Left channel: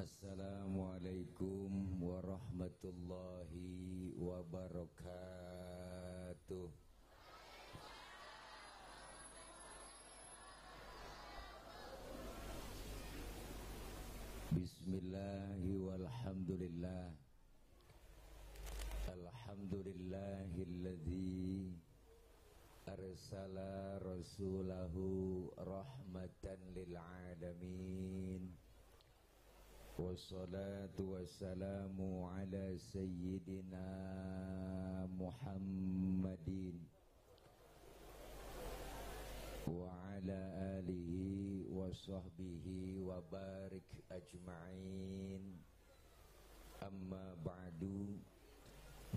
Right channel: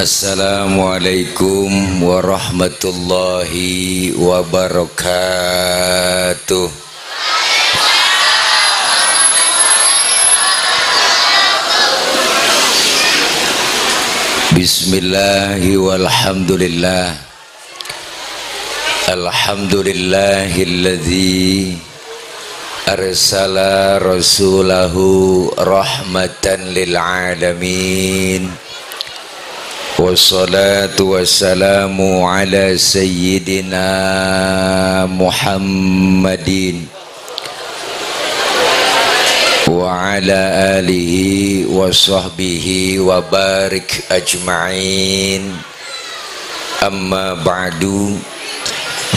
Assalamualaikum warahmatullahi wabarakatuh. Bismillahi walhamdulillah. Alhamdulillahilladzi arsala rasulahu rahmatan lil alamin. Wassalatu wassalamu ala sayyidina Muhammadin wa ala alihi wa sahbihi wa barik ajma'in. Amma ba'du,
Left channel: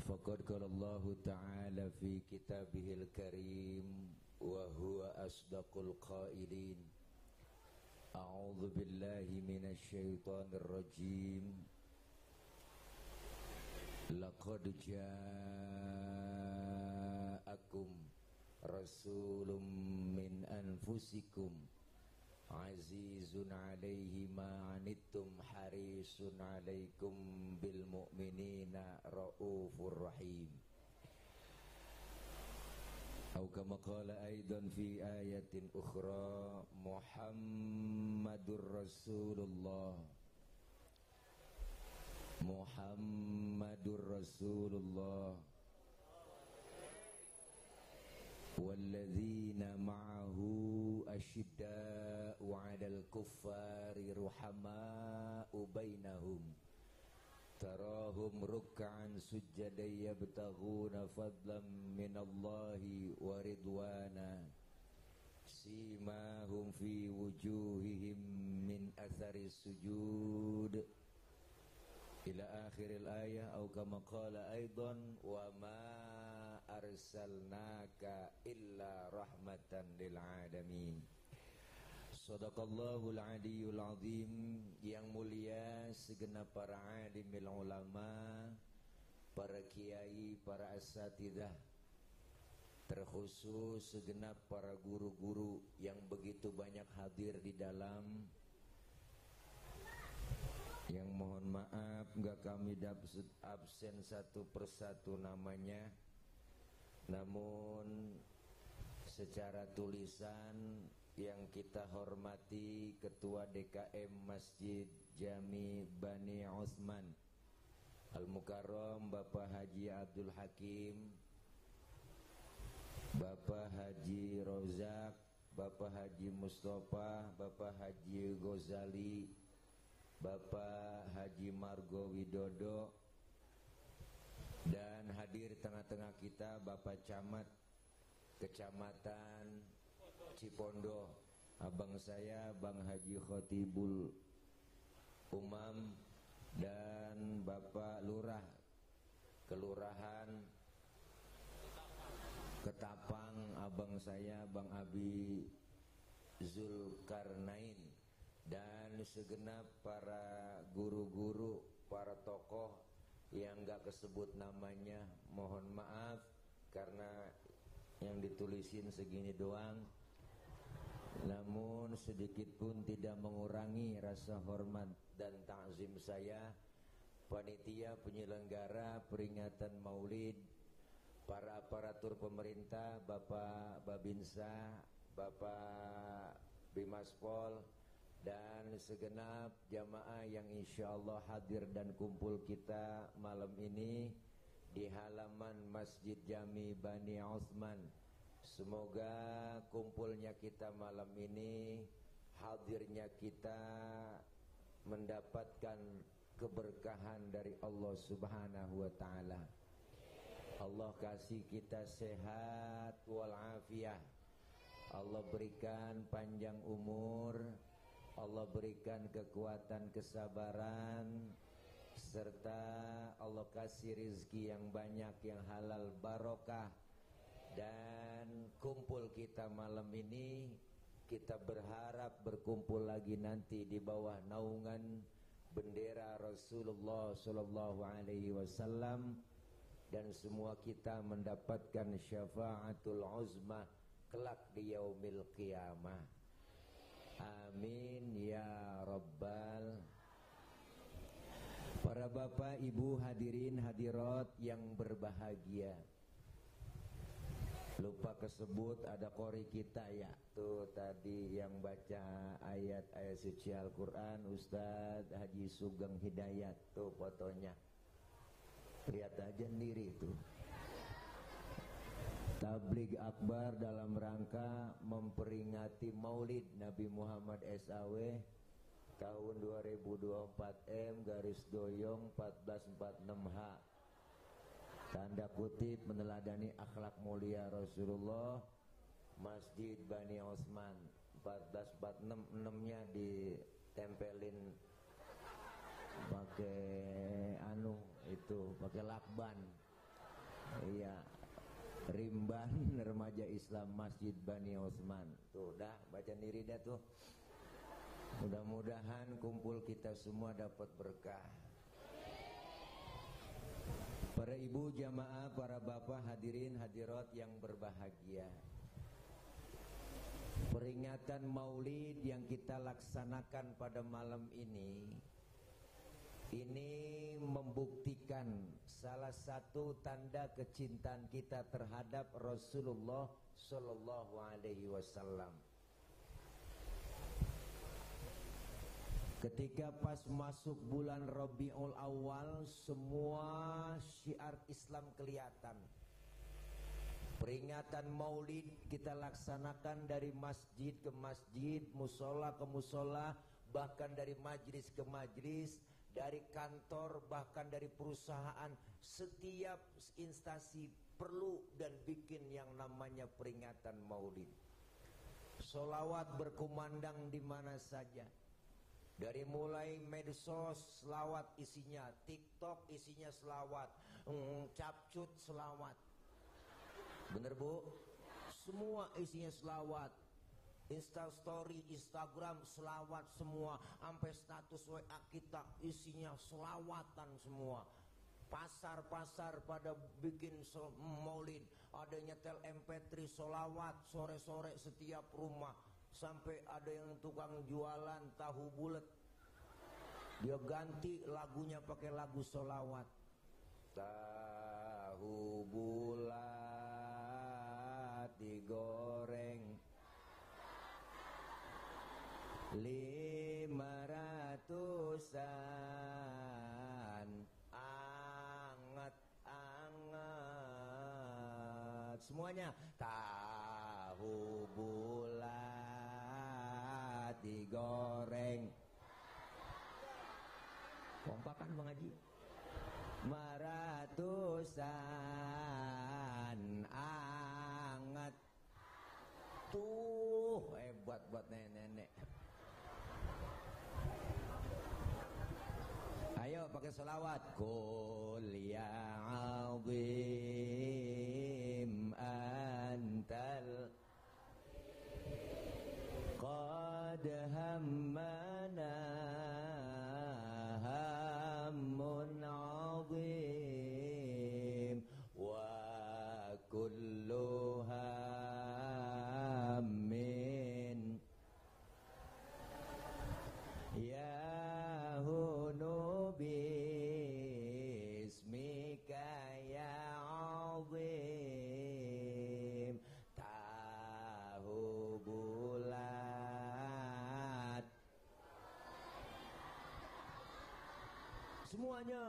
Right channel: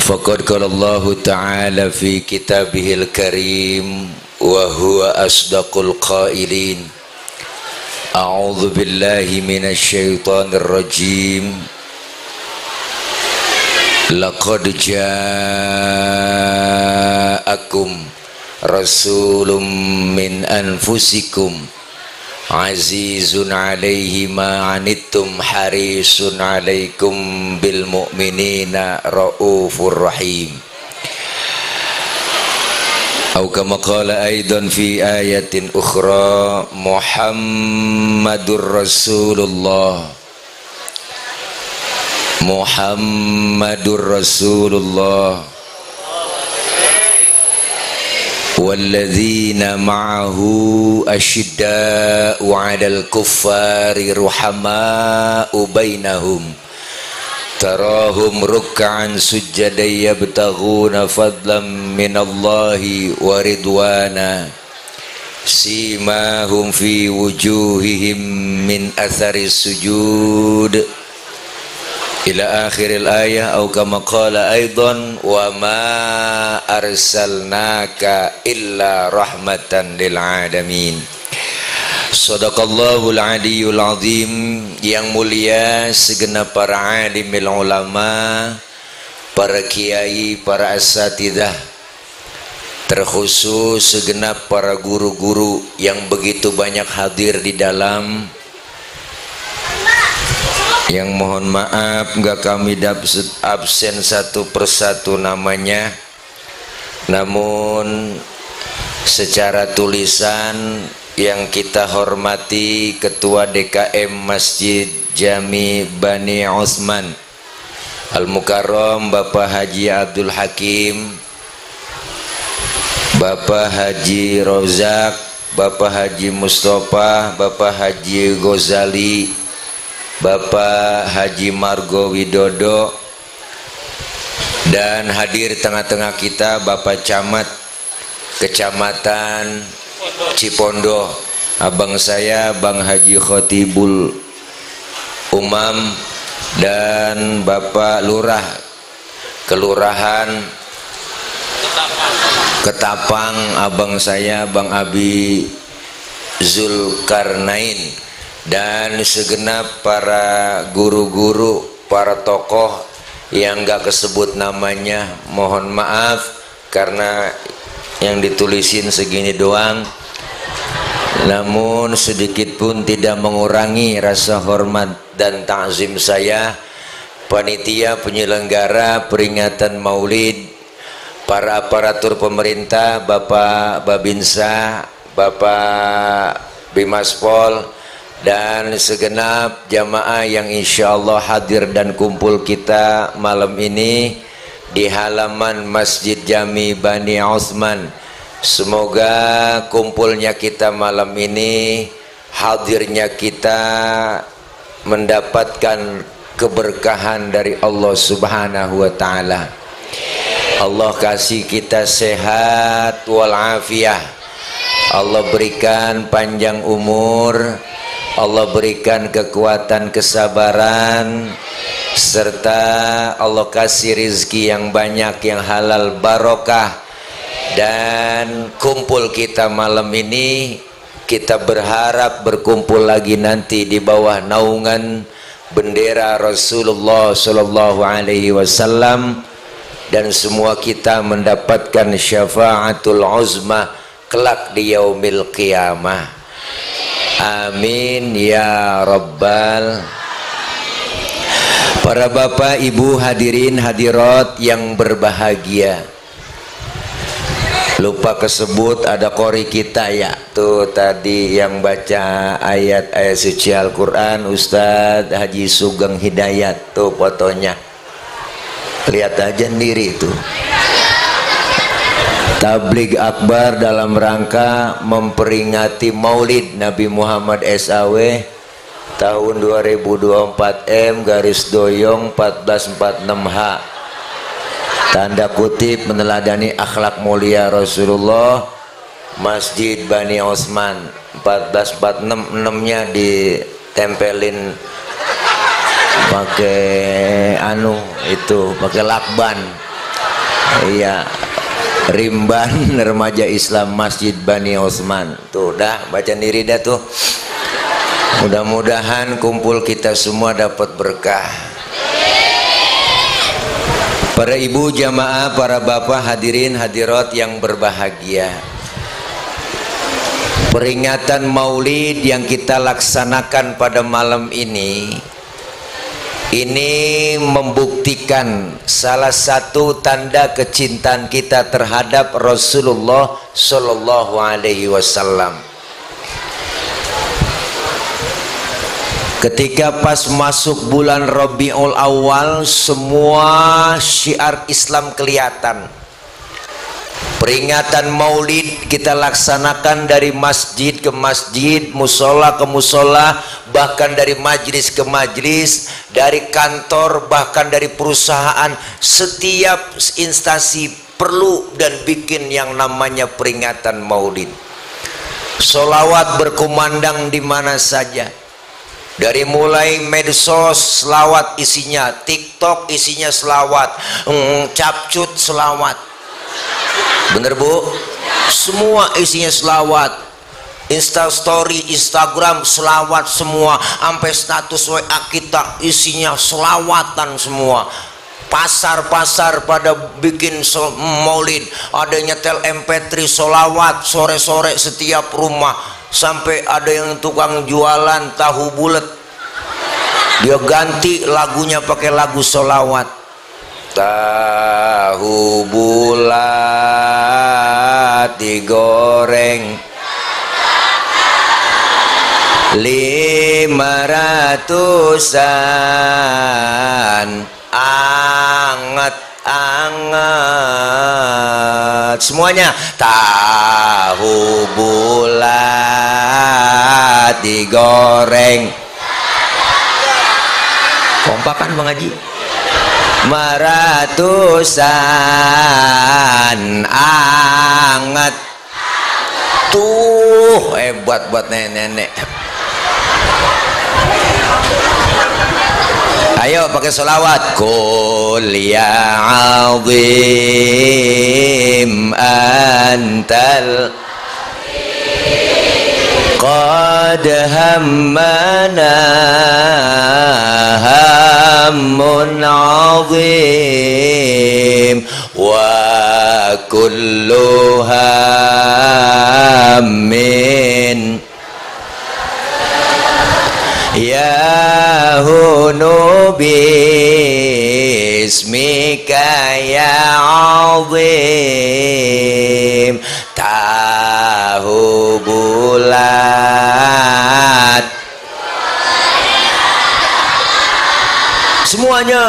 faqad qala Allah ta'ala fi kitabihil karim wa huwa asdaqul qailin. A'udzu billahi minasy syaithanir rajim. Laqad ja'akum rasulun min anfusikum azizun 'alaihi ma 'anittum harisun 'alaikum bil mu'minina raufur rahim. Atau kama qala aidan fi ayatin ukhra Muhammadur Rasulullah Muhammadur Rasulullah walladzina ma'ahu asyidda'u 'alal kuffari ruhama'u bainahum tarahum ruk'an sujjadan yabtaghuna fadlan minallahi wa ridwana simahum fi wujuhihim min athari sujud ila akhiril ayah. Atau kama qala aidan wa ma arsalnaka illa rahmatan lil alamin. Sadaqallahul aliyul azim. Yang mulia segenap para alimil ulama, para kiai, para asatidzah, terkhusus segenap para guru-guru yang begitu banyak hadir di dalam, yang mohon maaf enggak kami absen satu persatu namanya, namun secara tulisan yang kita hormati Ketua DKM Masjid Jami Bani Utsman Al-Mukarram Bapak Haji Abdul Hakim, Bapak Haji Rozak, Bapak Haji Mustafa, Bapak Haji Ghazali, Bapak Haji Margo Widodo, dan hadir tengah-tengah kita Bapak Camat Kecamatan Cipondo, abang saya Bang Haji Khotibul Umam, dan Bapak Lurah Kelurahan Ketapang, abang saya Bang Abi Zulkarnain, dan segenap para guru-guru, para tokoh yang gak kesebut namanya, mohon maaf karena yang ditulisin segini doang, namun sedikit pun tidak mengurangi rasa hormat dan ta'zim saya. Panitia penyelenggara peringatan Maulid, para aparatur pemerintah, Bapak Babinsa, Bapak Bimaspol, dan segenap jamaah yang insya Allah hadir dan kumpul kita malam ini di halaman Masjid Jami Bani Utsman. Semoga kumpulnya kita malam ini, hadirnya kita mendapatkan keberkahan dari Allah Subhanahu wa taala. Allah kasih kita sehat walafiat. Allah berikan panjang umur, Allah berikan kekuatan kesabaran, serta Allah kasih rizki yang banyak, yang halal barokah. Dan kumpul kita malam ini, kita berharap berkumpul lagi nanti di bawah naungan bendera Rasulullah Sallallahu Alaihi Wasallam, dan semua kita mendapatkan syafaatul uzma kelak di yaumil qiyamah. Amin ya rabbal Para bapak, ibu, hadirin, hadirat yang berbahagia. Lupa kesebut ada kori kita ya. Tuh tadi yang baca ayat-ayat suci Al-Quran Ustadz Haji Sugeng Hidayat. Tuh fotonya. Lihat aja sendiri tuh. Tabligh akbar dalam rangka memperingati Maulid Nabi Muhammad SAW tahun 2024 M/1446H. Tanda kutip meneladani akhlak mulia Rasulullah. Masjid Bani Osman 1446-nya ditempelin pakai itu pakai lakban. Iya, rimban remaja Islam Masjid Bani Osman. Tuh dah baca diri dah tuh. Mudah-mudahan kumpul kita semua dapat berkah. Para ibu jamaah, para bapak, hadirin hadirat yang berbahagia. Peringatan Maulid yang kita laksanakan pada malam ini membuktikan salah satu tanda kecintaan kita terhadap Rasulullah Shallallahu Alaihi Wasallam. Ketika pas masuk bulan Rabiul Awal, semua syiar Islam kelihatan. Peringatan Maulid kita laksanakan dari masjid ke masjid, musola ke musola, bahkan dari majlis ke majlis, dari kantor, bahkan dari perusahaan. Setiap instansi perlu dan bikin yang namanya peringatan Maulid. Sholawat berkumandang di mana saja. Dari mulai medsos selawat isinya, TikTok isinya selawat, capcut selawat. Bener bu? Semua isinya selawat. Instastory, Instagram selawat semua. Sampai status WA kita isinya selawatan semua. Pasar-pasar pada bikin maulid. Ada nyetel MP3 selawat sore-sore setiap rumah. Sampai ada yang tukang jualan tahu bulat, dia ganti lagunya pakai lagu sholawat. Tahu bulat digoreng 500-an, anget-anget semuanya. Tahu bulat digoreng, kompakan Bang Haji. 500-an, anget. Tuh hebat buat nenek-nenek. Ayo pakai sholawat. Qul ya azim antal qad hammana hammun azim wa kullu hammin ya hunu bismika ya azim. Tahu bulat semuanya,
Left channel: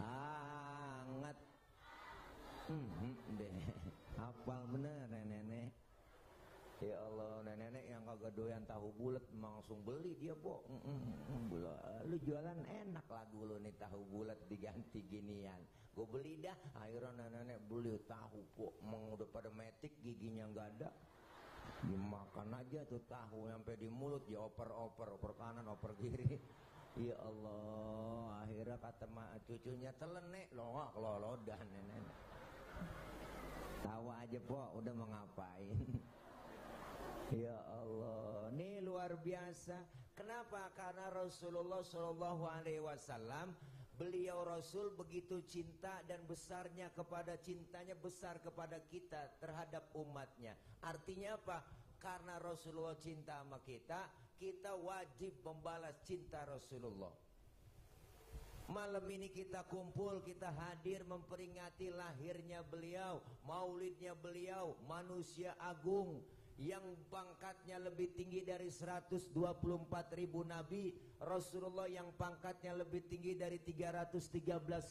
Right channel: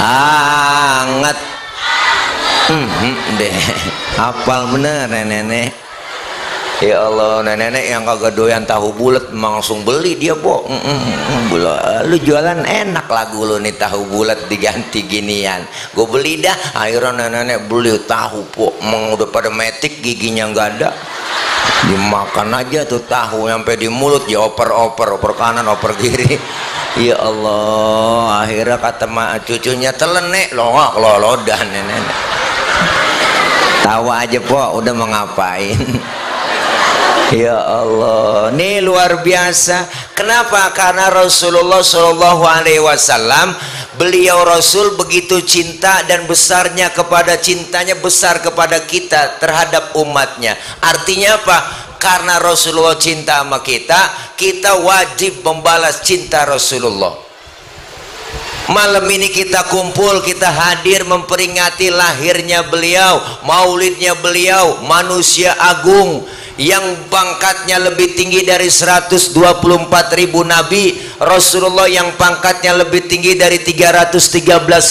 anget. Deh hafal bener nenek. Ya Allah, nenek yang kagak doyan tahu bulat langsung beli dia, po. Lu jualan enak lagu lu nih, tahu bulat diganti ginian. Gue beli dah. Akhirnya nenek beli tahu, po. Emang udah pada metik, giginya nggak ada. Dimakan aja tuh tahu sampai di mulut, ya oper kanan, oper kiri. Ya Allah, akhirnya kata cucunya telenek lo dan nenek. Tawa aja, po, udah mau ngapain. Ya Allah, ini luar biasa. Kenapa? Karena Rasulullah Shallallahu Alaihi Wasallam, beliau Rasul begitu cinta dan besarnya kepada cintanya besar kepada kita terhadap umatnya. Artinya apa? Karena Rasulullah cinta sama kita, kita wajib membalas cinta Rasulullah. Malam ini kita kumpul, kita hadir memperingati lahirnya beliau, maulidnya beliau, manusia agung yang pangkatnya lebih tinggi dari 124.000 nabi, Rasulullah yang pangkatnya lebih tinggi dari 313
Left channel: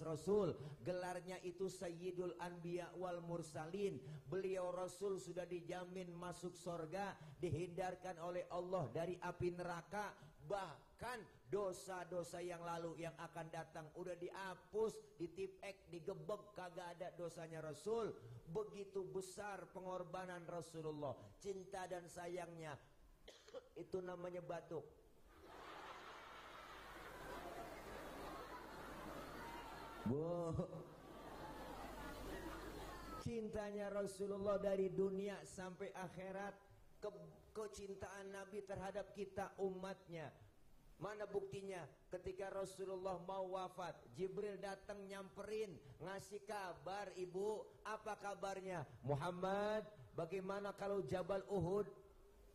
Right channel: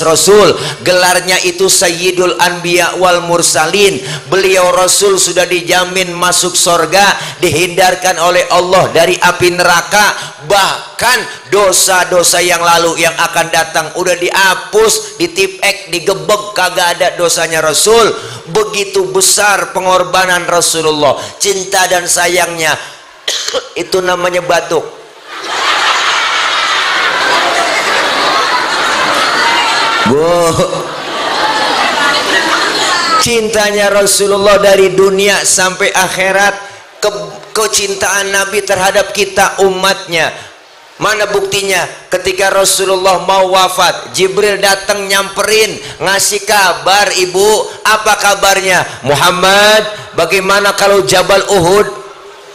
rasul, gelarnya itu Sayyidul Anbiya wal Mursalin. Beliau Rasul sudah dijamin masuk surga, dihindarkan oleh Allah dari api neraka, bahkan dosa-dosa yang lalu yang akan datang udah dihapus, ditipek, digebek, kagak ada dosanya Rasul. Begitu besar pengorbanan Rasulullah, cinta dan sayangnya. Itu namanya batuk. Cintanya Rasulullah dari dunia sampai akhirat, kecintaan Nabi terhadap kita umatnya. Mana buktinya? Ketika Rasulullah mau wafat, Jibril datang nyamperin, ngasih kabar, ibu, apa kabarnya? Muhammad, bagaimana kalau Jabal Uhud?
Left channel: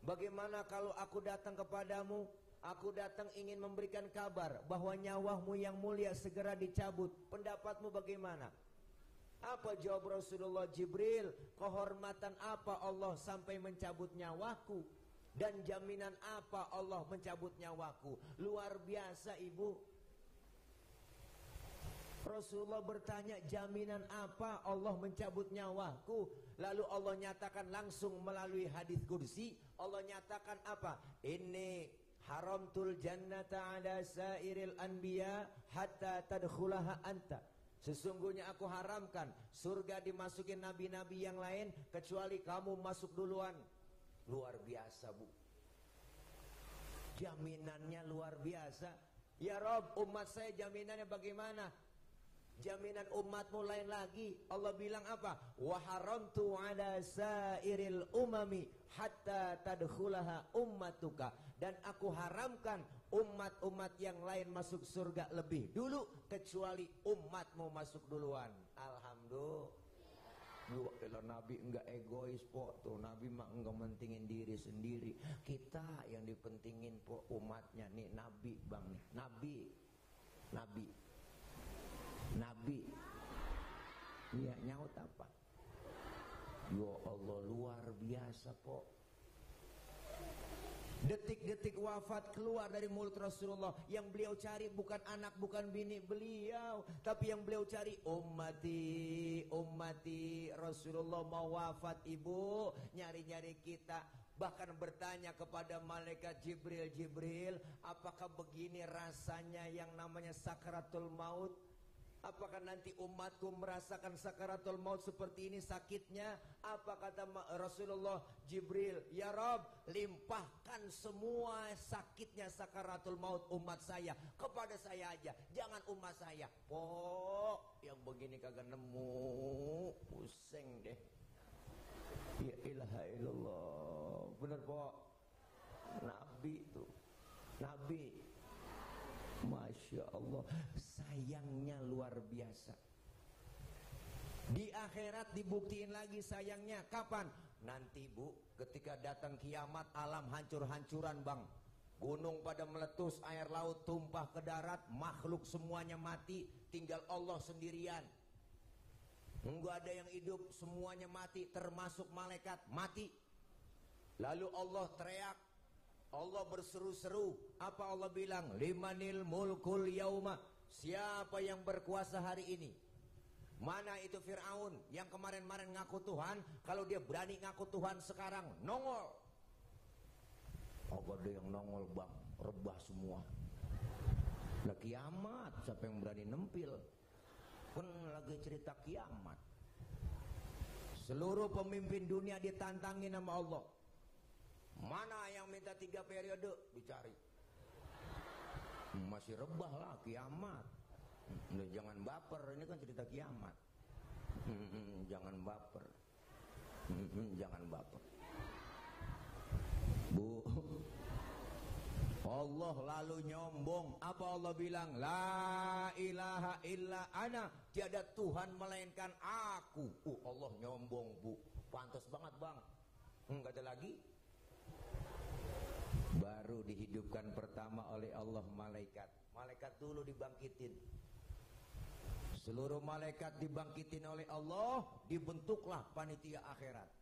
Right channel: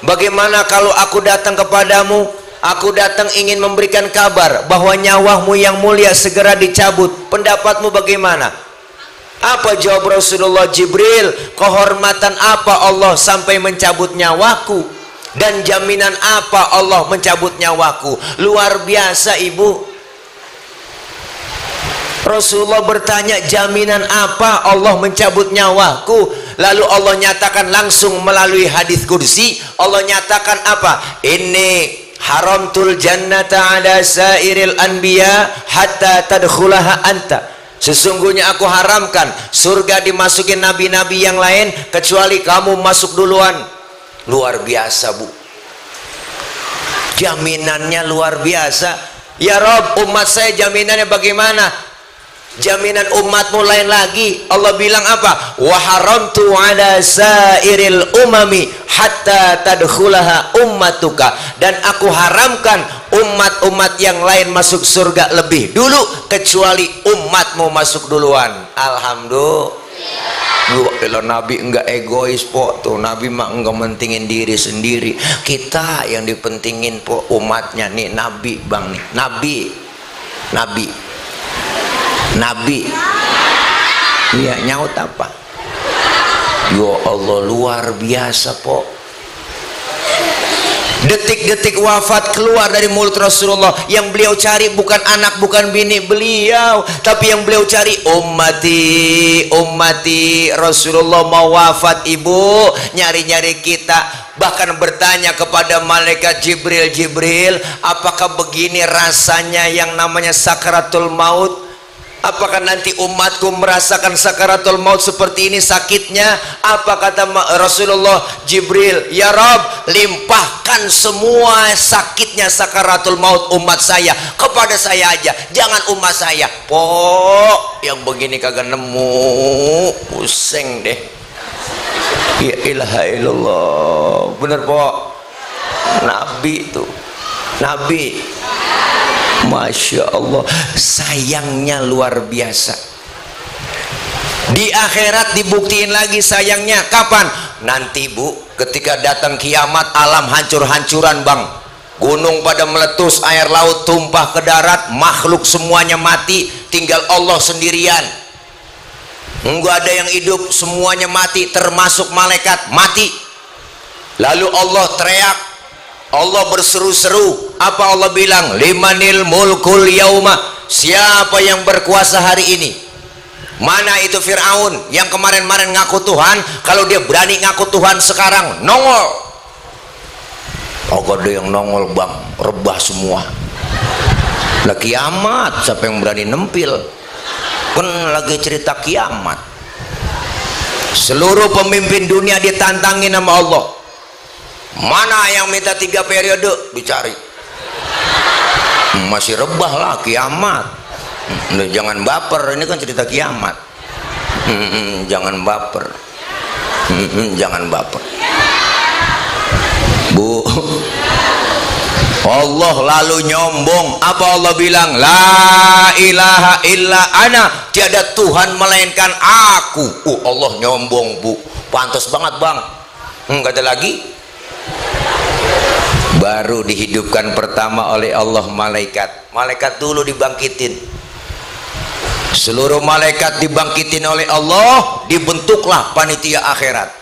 Bagaimana kalau aku datang kepadamu? Aku datang ingin memberikan kabar bahwa nyawamu yang mulia segera dicabut. Pendapatmu bagaimana? Apa jawab Rasulullah? Jibril, kehormatan apa Allah sampai mencabut nyawaku? Dan jaminan apa Allah mencabut nyawaku? Luar biasa, ibu. Rasulullah bertanya, jaminan apa Allah mencabut nyawaku? Lalu Allah nyatakan langsung melalui hadis kursi. Allah nyatakan apa? Ini haramtul jannata ala sairil anbiya hatta tadkhulaha anta. Sesungguhnya aku haramkan surga dimasukin nabi-nabi yang lain kecuali kamu masuk duluan. Luar biasa, bu. Jaminannya luar biasa. Ya Rob, umat saya jaminannya bagaimana? Jaminan umatmu lain lagi. Allah bilang apa? Wa haramtu ala sairil umami hatta tadkhulaha ummatuka. Dan aku haramkan umat-umat yang lain masuk surga lebih dulu kecuali umatmu masuk duluan. Alhamdulillah. Kalau Nabi enggak egois po, tuh Nabi mah enggak mentingin diri sendiri. Kita yang dipentingin po umatnya nih. Nabi bang nih, Nabi. Iya, nyaut apa? Ya Allah, luar biasa po. Detik-detik wafat keluar dari mulut Rasulullah. Yang beliau cari bukan anak, bukan bini beliau, tapi yang beliau cari ummati. Rasulullah mau wafat, ibu, nyari-nyari kita, bahkan bertanya kepada malaikat Jibril, apakah begini rasanya yang namanya sakaratul maut? Apakah nanti umatku merasakan sakaratul maut seperti ini sakitnya? Apa kata Rasulullah? Jibril, ya Rabb, limpahkan semua sakitnya sakaratul maut umat saya kepada saya aja, jangan umat saya. Po, yang begini kagak nemu, pusing deh. Ya ilaha illallah, bener po. Nabi itu, Nabi. Masya Allah, sayangnya luar biasa. Di akhirat dibuktiin lagi sayangnya. Kapan? Nanti, bu, ketika datang kiamat, alam hancur-hancuran bang. Gunung pada meletus, air laut tumpah ke darat, makhluk semuanya mati, tinggal Allah sendirian. Enggak ada yang hidup, semuanya mati, termasuk malaikat mati. Lalu Allah teriak, Allah berseru-seru. Apa Allah bilang? Limanil mulkul yauma. Siapa yang berkuasa hari ini? Mana itu Fir'aun yang kemarin-kemarin ngaku Tuhan? Kalau dia berani ngaku Tuhan sekarang nongol. Oh, ada yang nongol bang, rebah semua. Lah kiamat, siapa yang berani nempil? Kan lagi cerita kiamat. Seluruh pemimpin dunia ditantangin sama Allah. Mana yang minta 3 periode? Dicari. Masih rebah lah kiamat. Jangan baper, ini kan cerita kiamat. Jangan baper. Jangan baper, bu. Allah lalu nyombong. Apa Allah bilang? La ilaha illa ana, tiada Tuhan melainkan aku. Allah nyombong, bu. Pantas banget bang. Enggak ada lagi. baru dihidupkan pertama oleh Allah malaikat dulu dibangkitin, seluruh malaikat dibangkitin oleh Allah, dibentuklah panitia akhirat.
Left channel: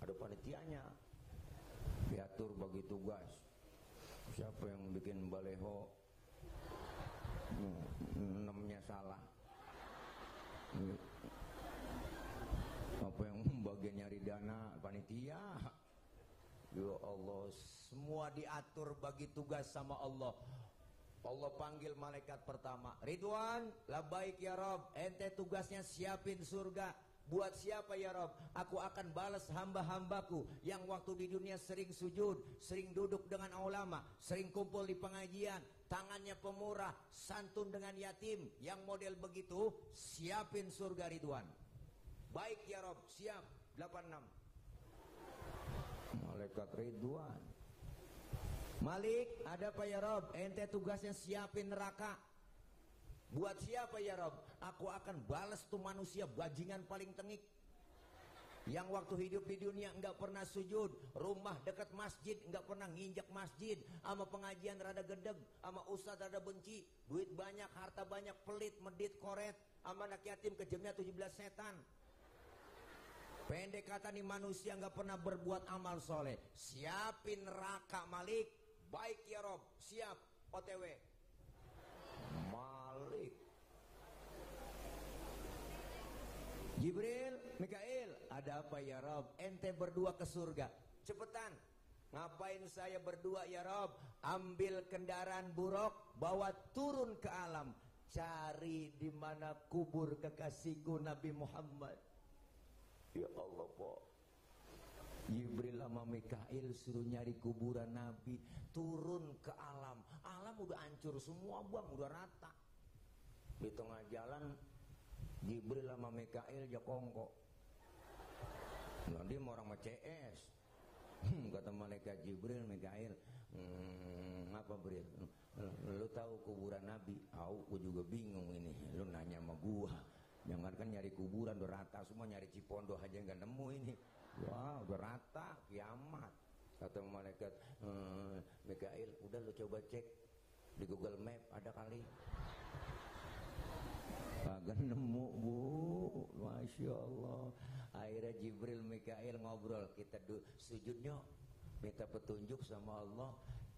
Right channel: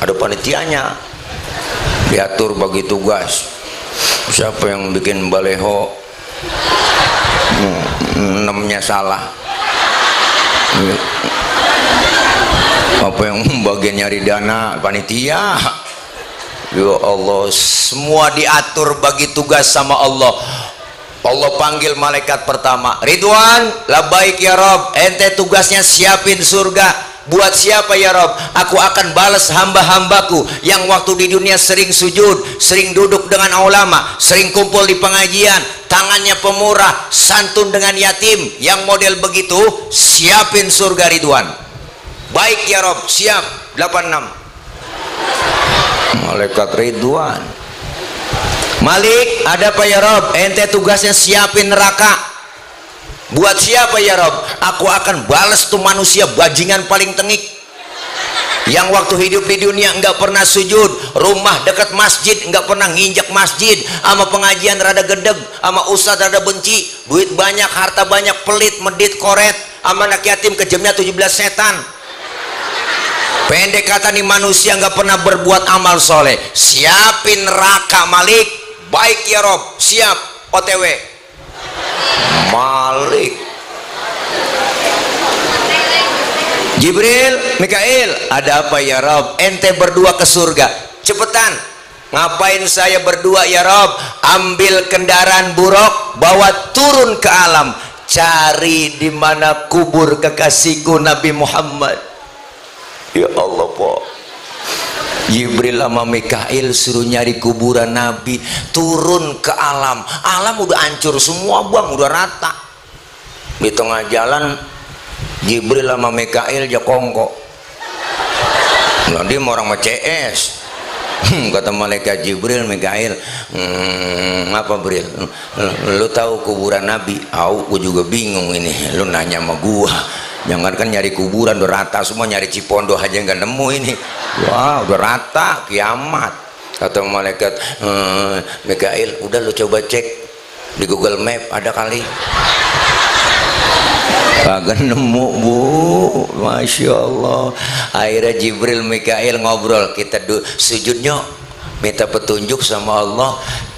Ada panitianya, diatur bagi tugas. Siapa yang bikin baleho, namanya salah, apa yang bagian nyari dana, panitia. Ya Allah, semua diatur bagi tugas sama Allah. Allah panggil malaikat pertama, Ridwan, labaik ya Rob, ente tugasnya siapin surga. Buat siapa ya Rob? Aku akan balas hamba-hambaku yang waktu di dunia sering sujud, sering duduk dengan ulama, sering kumpul di pengajian, tangannya pemurah, santun dengan yatim, yang model begitu, siapin surga Ridwan. Baik ya Rob, siap. 86 malaikat Ridwan. Malik, ada apa ya Rob? Ente tugasnya siapin neraka. Buat siapa ya Rob? Aku akan balas tuh manusia bajingan paling tengik, yang waktu hidup di dunia enggak pernah sujud, rumah dekat masjid enggak pernah nginjak masjid, sama pengajian rada gedeg, sama ustadz rada benci, duit banyak, harta banyak, pelit, medit, koret, sama anak yatim kejamnya 17 setan. Pendek kata nih, manusia enggak pernah berbuat amal soleh. Siapin neraka Malik. Baik ya Rob, siap. OTW Malik. Jibril, Mikail, ada apa ya Rob? Ente berdua ke surga. Cepetan. Ngapain saya berdua ya Rob? Ambil kendaraan buruk, bawa turun ke alam, cari di mana kubur kekasihku Nabi Muhammad. Ya Allah, po. Jibril sama Mikail suruh nyari kuburan Nabi, turun ke alam. Alam udah hancur semua bang, udah rata. Di tengah jalan Jibril sama Mikail jokongko. Nah, dia mau orang sama CS. Kata malaikat Jibril, Mikail, apa Bril? Lu tahu kuburan Nabi? Aku juga bingung ini. Lu nanya sama gua. Jangan kan nyari kuburan udah rata semua, nyari Cipondo aja nggak nemu ini. Wah, udah rata, kiamat. Kata malaikat Mikail, udah lu coba cek di Google Map, ada kali. Kagak nemu bu, masya Allah. Akhirnya Jibril Mikail ngobrol, kita sujudnya minta petunjuk sama Allah.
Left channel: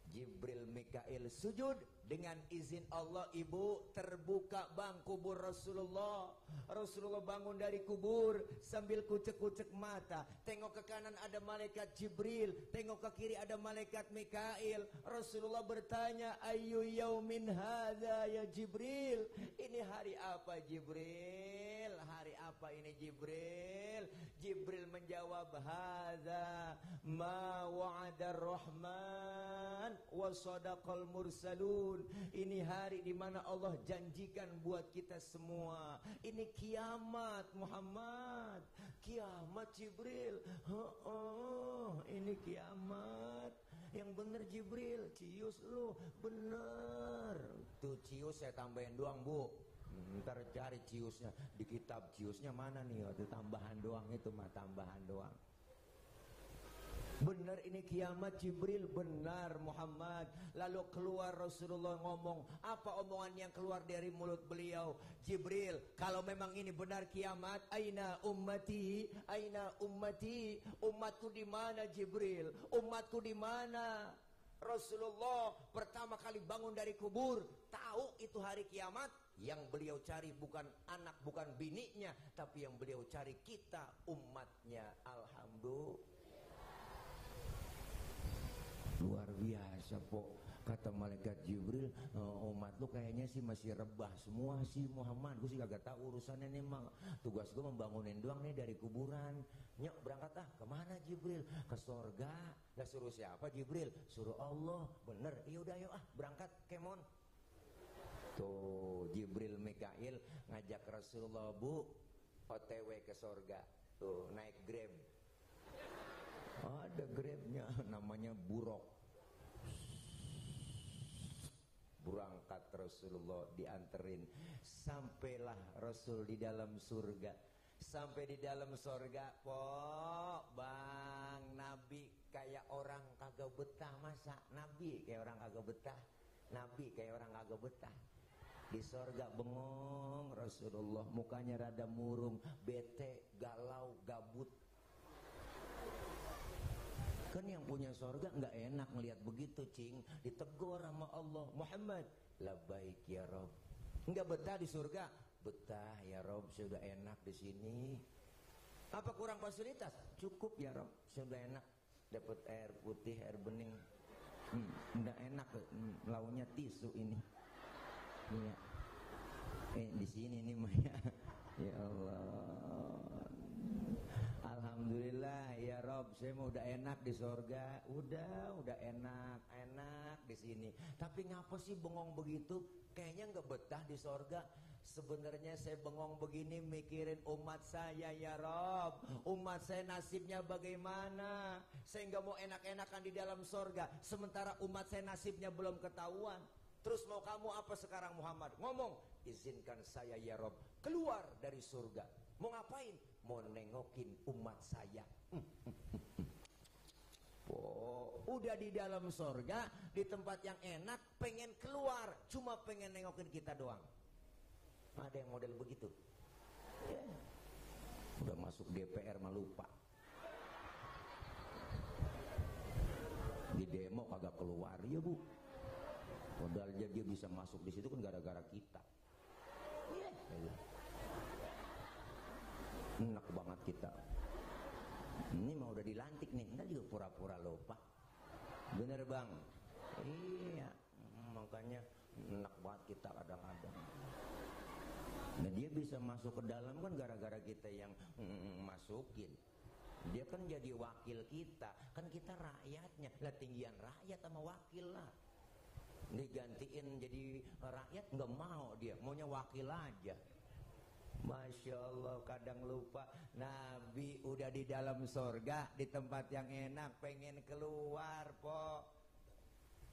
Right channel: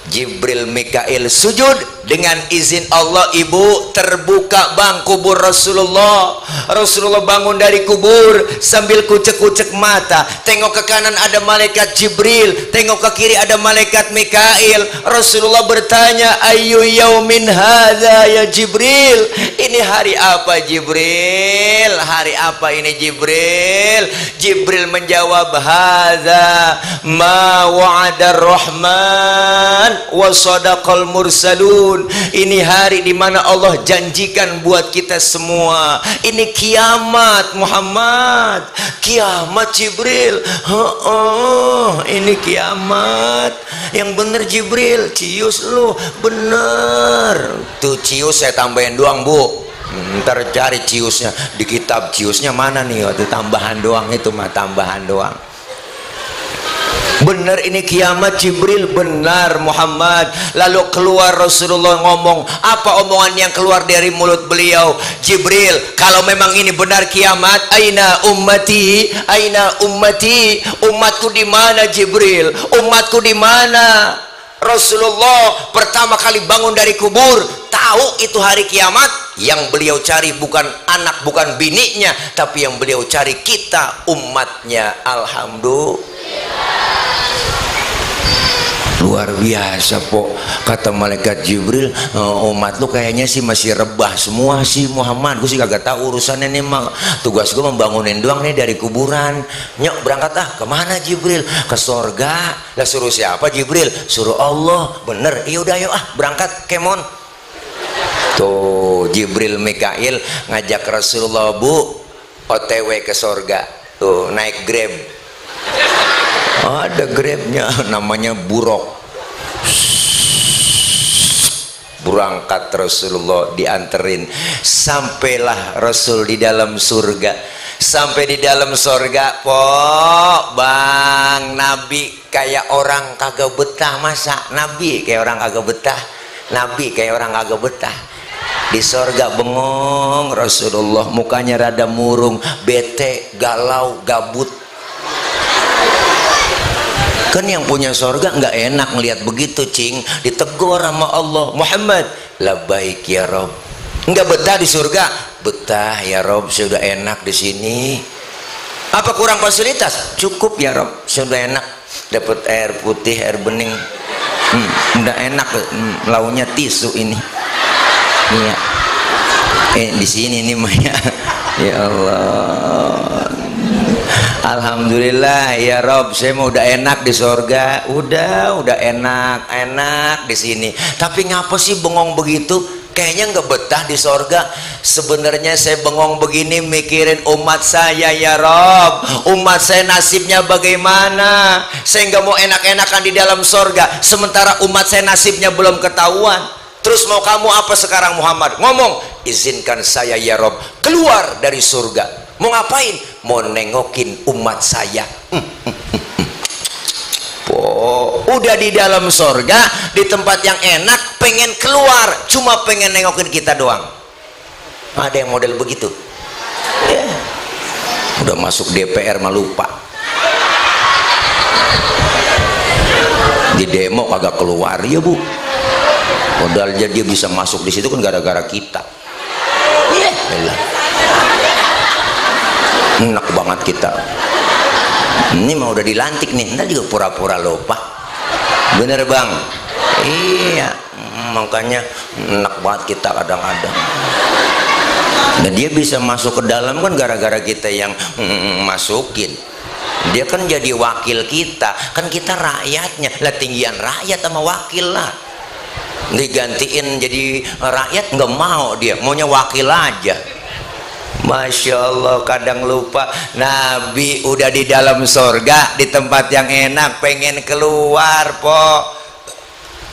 Jibril Mikail sujud, dengan izin Allah ibu terbuka bang kubur Rasulullah. Rasulullah bangun dari kubur sambil kucek-kucek mata, tengok ke kanan ada malaikat Jibril, tengok ke kiri ada malaikat Mikail. Rasulullah bertanya, ayu yaumin hadza ya Jibril, ini hari apa Jibril? Hari apa ini Jibril? Jibril menjawab, hadza ma wa'adar rahman wa sadaqal mursalun. Ini hari di mana Allah janjikan buat kita semua. Ini kiamat Muhammad, kiamat Jibril. Ini kiamat. Yang bener Jibril, cius lu bener. Tuh cius saya tambahin doang bu. Ntar cari ciusnya di kitab, ciusnya mana nih? Waktu tambahan doang itu mah, tambahan doang. Benar ini kiamat Jibril, benar Muhammad. Lalu keluar Rasulullah ngomong, apa omongan yang keluar dari mulut beliau? Jibril, kalau memang ini benar kiamat, aina ummati, aina ummati, umatku di mana Jibril? Umatku di mana? Rasulullah pertama kali bangun dari kubur, tahu itu hari kiamat. Yang beliau cari bukan anak, bukan bininya, tapi yang beliau cari kita, umatnya. Alhamdulillah. Luar biasa po. Kata malaikat Jibril, umat lu kayaknya sih masih rebah semua sih Muhammad. Gue sih kagak tahu urusannya nih mak. Tugas gue membangunin doang nih dari kuburan. Nyok berangkat ah, kemana Jibril? Ke sorga. Lah suruh siapa Jibril? Suruh Allah. Bener, iya udah yuk ah berangkat kemon. Tuh Jibril Mikail ngajak Rasulullah, bu OTW ke sorga. Tuh naik Grab. Ada Grabnya, namanya Burok. Berangkat Rasulullah, dianterin. Sampailah Rasul di dalam surga. Sampai di dalam sorga, po bang, Nabi kayak orang kagak betah. Masa Nabi kayak orang kagak betah? Nabi kayak orang kagak betah. Di sorga bengong Rasulullah, mukanya rada murung, bete, galau, gabut. Kan yang punya sorga nggak enak ngelihat begitu, cing. Ditegur sama Allah, Muhammad, labbaik ya Rob. Nggak betah di surga? Betah ya Rob, sudah enak di sini. Apa kurang fasilitas? Cukup ya Rob, sudah enak. Dapat air putih, air bening. Udah enak, launya tisu ini. Iya. Di sini nih Maya. Ya Allah. Alhamdulillah ya Rob, saya mau udah enak di sorga. Udah enak di sini. Tapi ngapa sih bengong begitu? Kayaknya nggak betah di sorga. Sebenarnya saya bengong begini mikirin umat saya ya Rob. Umat saya nasibnya bagaimana? Saya nggak mau enak-enakan di dalam sorga, sementara umat saya nasibnya belum ketahuan. Terus mau kamu apa sekarang Muhammad? Ngomong, izinkan saya ya Rob keluar dari surga. Mau ngapain? Mau nengokin umat saya. Udah di dalam sorga, di tempat yang enak, pengen keluar, cuma pengen nengokin kita doang. Ada yang model begitu ya. Udah masuk DPR mah lupa. Di demo kagak keluar ya Bu. Padahal dia bisa masuk di situ kan gara-gara kita. Iya, enak banget kita. Ini mah udah dilantik nih, ntar juga pura-pura lupa. Bener bang? Iya, makanya enak banget kita kadang-kadang. Dan dia bisa masuk ke dalam kan gara-gara kita yang masukin. Dia kan jadi wakil kita, kan kita rakyatnya. Lah tinggian rakyat sama wakil lah. Digantiin jadi rakyat nggak mau, dia maunya wakil aja. Masya Allah, kadang lupa Nabi udah di dalam sorga, di tempat yang enak, pengen keluar po.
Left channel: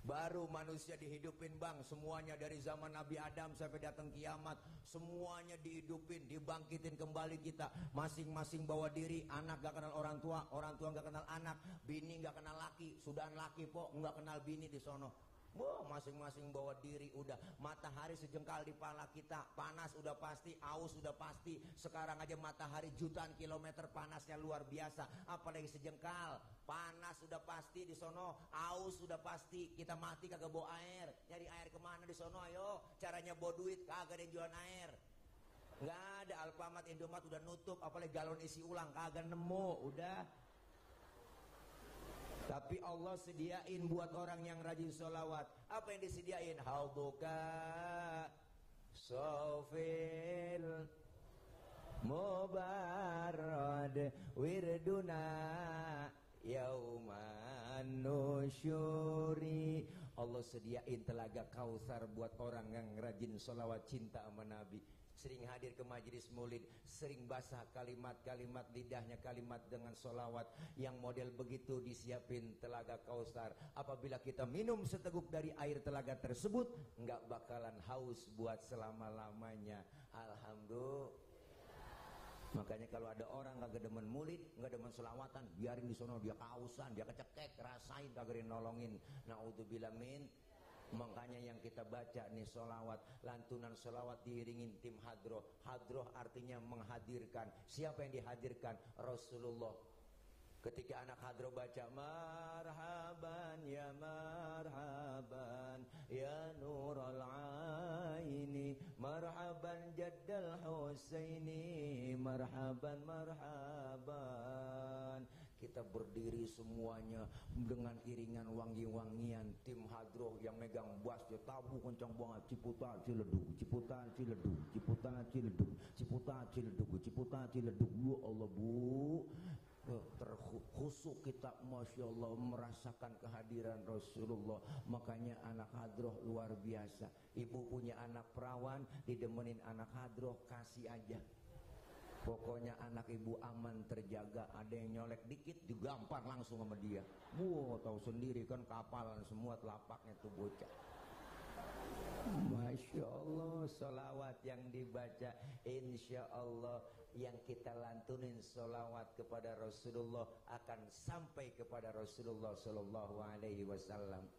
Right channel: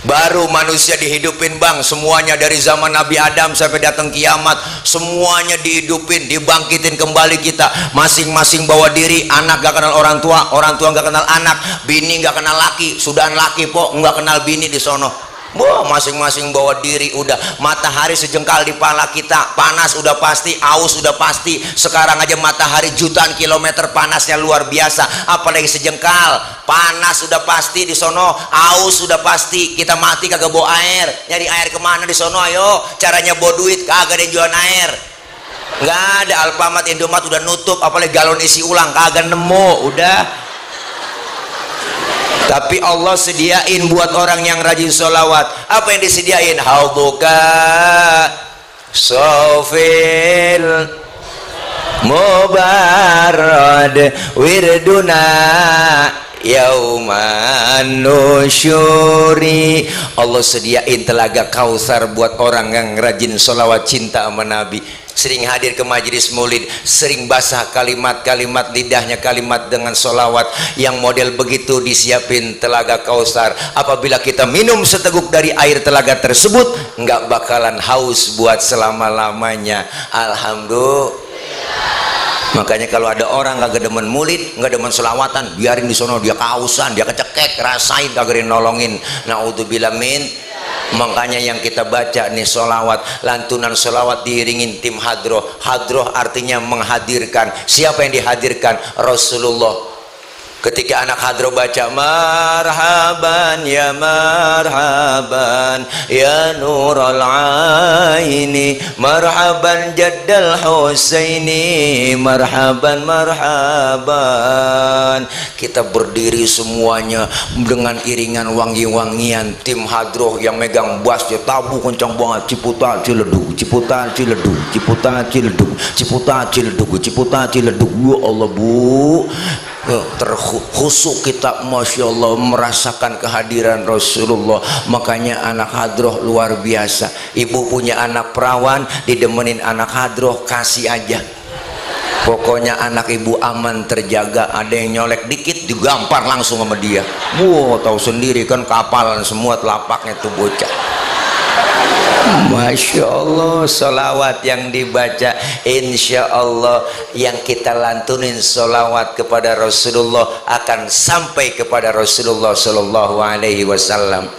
Baru manusia dihidupin bang, semuanya dari zaman Nabi Adam sampai datang kiamat, semuanya dihidupin, dibangkitin kembali kita. Masing-masing bawa diri, anak gak kenal orang tua gak kenal anak, bini gak kenal laki, sudahan laki po gak kenal bini di sono. Wah, masing-masing bawa diri. Udah matahari sejengkal di pala kita, panas udah pasti, aus udah pasti. Sekarang aja matahari jutaan kilometer panasnya luar biasa, apalagi sejengkal. Panas sudah pasti di sono, aus sudah pasti. Kita mati kagak bawa air, nyari air kemana di sono? Ayo, caranya bawa duit, kagak ada yang jualan air. Nggak ada, Alfamart, Indomaret udah nutup, apalagi galon isi ulang kagak nemu. Udah. Tapi Allah sediain buat orang yang rajin sholawat. Apa yang disediain? Hauduka sofil mubarad wirduna yauman nusyuri. Allah sediain telaga Kausar buat orang yang rajin sholawat, cinta sama Nabi, sering hadir ke majelis maulid, sering basah kalimat-kalimat lidahnya kalimat dengan sholawat. Yang model begitu disiapin telaga Kausar. Apabila kita minum seteguk dari air telaga tersebut, nggak bakalan haus buat selama-lamanya. Alhamdulillah. Makanya kalau ada orang kagak demen maulid, nggak demen sholawatan, biarin di sono, dia kausan, dia kecekek, rasain kagak nolongin. Naudzubillah min. Makanya yang kita baca nih solawat, lantunan solawat diiringin tim hadroh. Hadroh artinya menghadirkan. Siapa yang dihadirkan? Rasulullah. Ketika anak hadroh baca marhaban ya nural aini, marhaban jaddal husaini, marhaban marhaban. Kita berdiri semuanya dengan iringan wangi-wangian. Tim hadroh yang megang bassnya tabu kencang banget. Ciputa ciledug, ciputa ciledug, ciputa ciledug, ciputa ciledug, ciputa ciledug. Ya Allah Bu, terkhusuk kita, Masya Allah, merasakan kehadiran Rasulullah. Makanya anak hadroh luar biasa. Ibu punya anak perawan, didemenin anak hadroh, kasih aja. Pokoknya anak ibu aman, terjaga. Ada yang nyolek dikit digampar langsung sama dia. Wow, tahu sendiri kan, kapalan semua telapaknya tuh bocah. Masya Allah, solawat yang dibaca, insya Allah yang kita lantunin solawat kepada Rasulullah akan sampai kepada Rasulullah Sallallahu Alaihi Wasallam.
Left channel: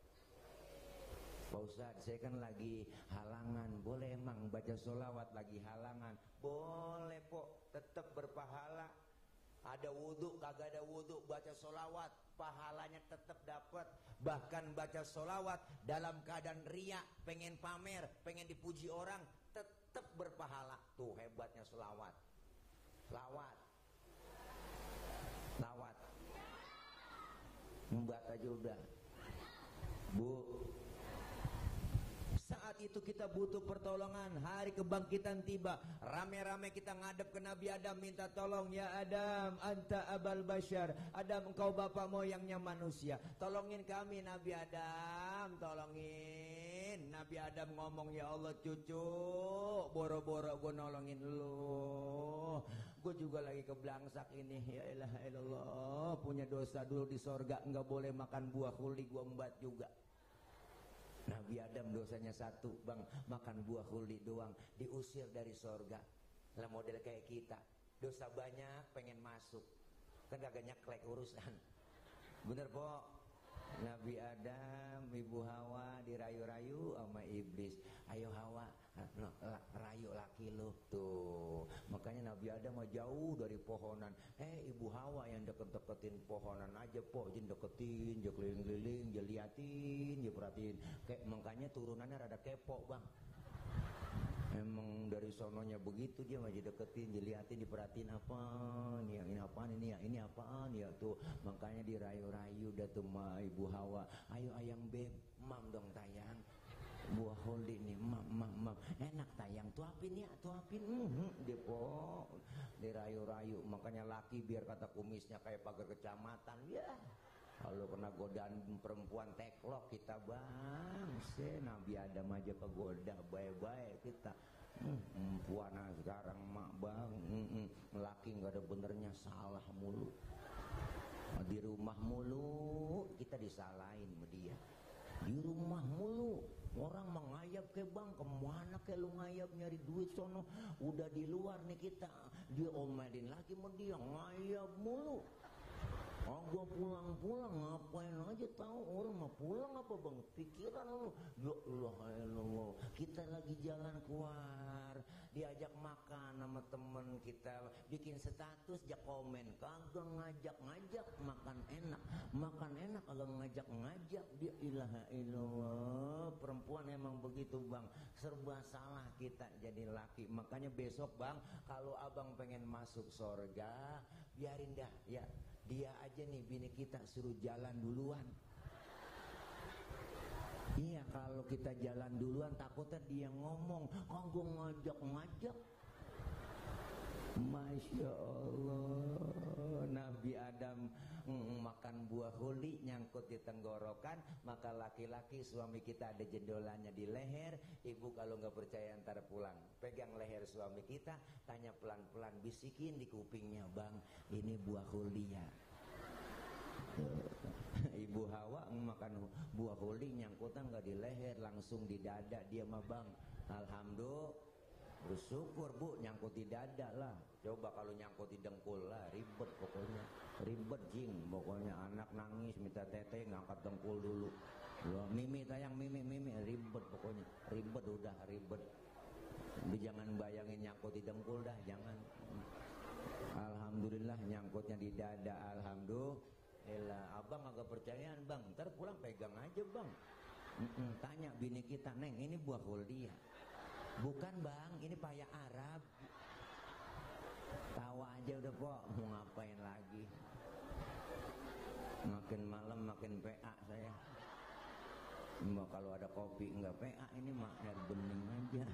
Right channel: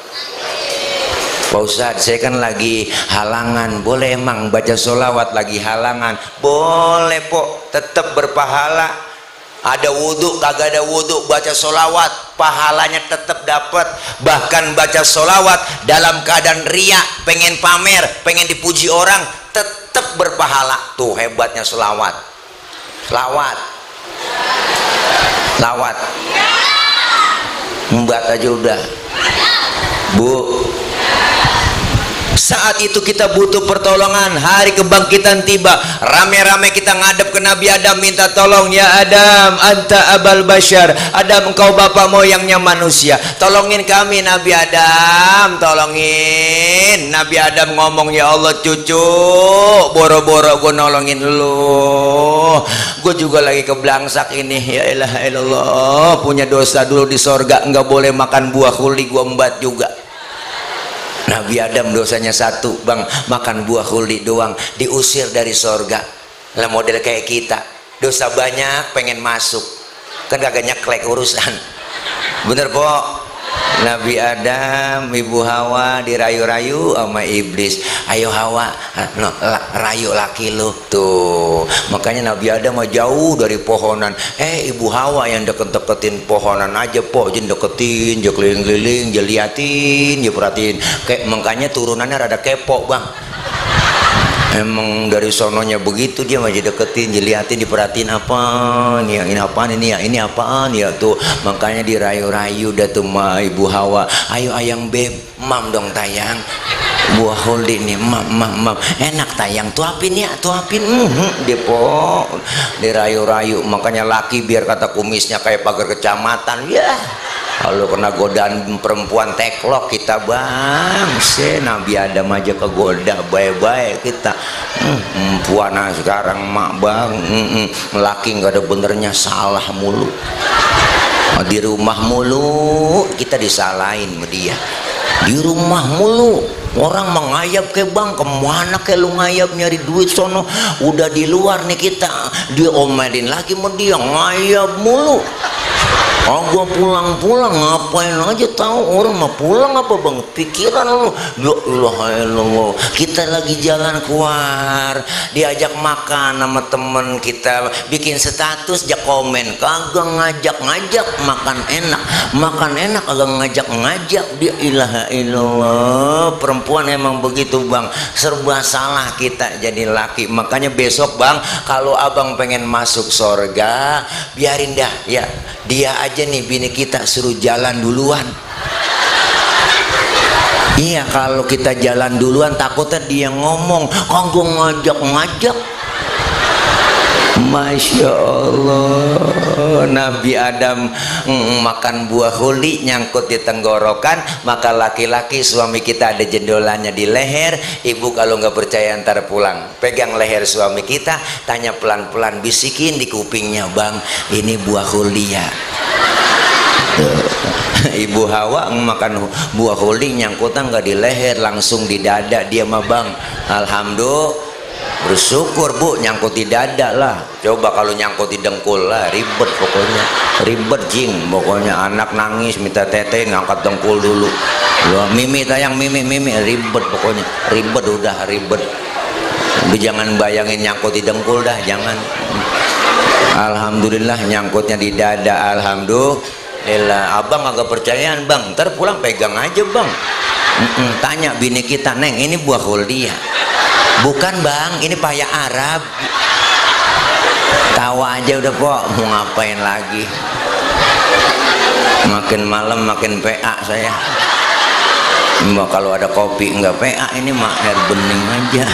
Pak Ustadz, saya kan lagi halangan, boleh emang baca solawat lagi halangan? Boleh pok, tetap berpahala. Ada wudhu, kagak ada wudhu, baca solawat, pahalanya tetap dapat. Bahkan baca solawat dalam keadaan riak, pengen pamer, pengen dipuji orang, tetap berpahala. Tuh hebatnya solawat. Lawat, lawat. Mbak aja udah. Bu, saat itu kita butuh pertolongan, hari kebangkitan tiba, rame-rame kita ngadep ke Nabi Adam minta tolong. Ya Adam, anta abal bashar, Adam engkau bapak moyangnya manusia, tolongin kami Nabi Adam, tolongin. Nabi Adam ngomong, ya Allah cucu, boro-boro gue nolongin lu, gue juga lagi keblangsak ini. Ya ilaha illallah, punya dosa dulu di sorga, nggak boleh makan buah khuldi, gue embat juga. Nabi Adam dosanya satu bang, makan buah khuldi doang, diusir dari sorga. Lah model kayak kita, dosa banyak pengen masuk, kan kagak nyeklek urusan. Bener po? Nabi Adam, Ibu Hawa dirayu-rayu sama iblis. Ayo Hawa, rayu laki lu. Tuh, makanya Nabi Adam mah jauh dari pohonan. Ibu Hawa yang deket-deketin pohonan aja po, jen deketin, je keliling-keliling, je liatin, je perhatiin. Kayak makanya turunannya rada kepo bang. Emang dari sononya begitu, dia masih deketin, dilihatin, diperhatiin apa nih, ini apaan ini ya, ini apaan ya tuh. Makanya dirayu-rayu dah tuh ma Ibu Hawa. Ayo ayang beb, mam dong tayang, buah khuldi nih, mam, enak tayang, tuapin ya, tuapin. Dia po dirayu-rayu. Makanya laki biar kata kumisnya kayak pagar kecamatan ya. Kalau kena godaan perempuan teklok kita bang, Nabi Adam aja kegoda, baik-baik kita. Puana sekarang mak bang, laki nggak ada benernya, salah mulu. Di rumah mulu kita disalahin sama dia. Di rumah mulu orang mengayap ke bang, kemana ke lu ngayap nyari duit sono, udah di luar nih kita, diomelin lagi sama dia, ngayap mulu. Oh gua pulang-pulang ngapain aja, tahu orang mah pulang apa bang, pikiran lu. Ya Allah, kita lagi jalan keluar, diajak makan sama temen kita, bikin status jak komen, kagak ngajak-ngajak makan enak kagak ngajak-ngajak. Dia ilaha illallah, perempuan emang begitu bang, serba salah kita jadi laki. Makanya besok bang, kalau abang pengen masuk sorga, biarin dah ya, dia aja nih bini kita suruh jalan duluan. Iya, kalau kita jalan duluan takutnya dia ngomong, kok ngajak-ngajak. Masya Allah, Nabi Adam makan buah khuldi nyangkut di tenggorokan. Maka laki-laki suami kita ada jendolannya di leher. Ibu kalau nggak percaya ntar pulang, pegang leher suami kita, tanya pelan-pelan, bisikin di kupingnya, bang ini buah khuldi ya. Ibu Hawa makan buah khuldi nyangkutan nggak di leher, langsung di dada dia mah bang. Alhamdulillah, bersyukur bu, nyangkut di dada lah. Coba kalau nyangkut di dengkul lah, ribet pokoknya, ribet jing pokoknya. Anak nangis minta tete, ngangkat dengkul dulu. Loh, mimi tayang, mimi ribet pokoknya, ribet udah ribet. Jangan bayangin nyangkut di dengkul dah, jangan. Alhamdulillah nyangkutnya di dada, alhamdulillah. Abang agak percayaan bang, ntar pulang pegang aja bang. Tanya bini kita, neng ini buah khuldi ya? Bukan bang, ini paya Arab. Tawa aja udah kok, mau ngapain lagi. Makin malam makin PA saya. Mbak kalau ada kopi nggak PA, ini mah air bening aja.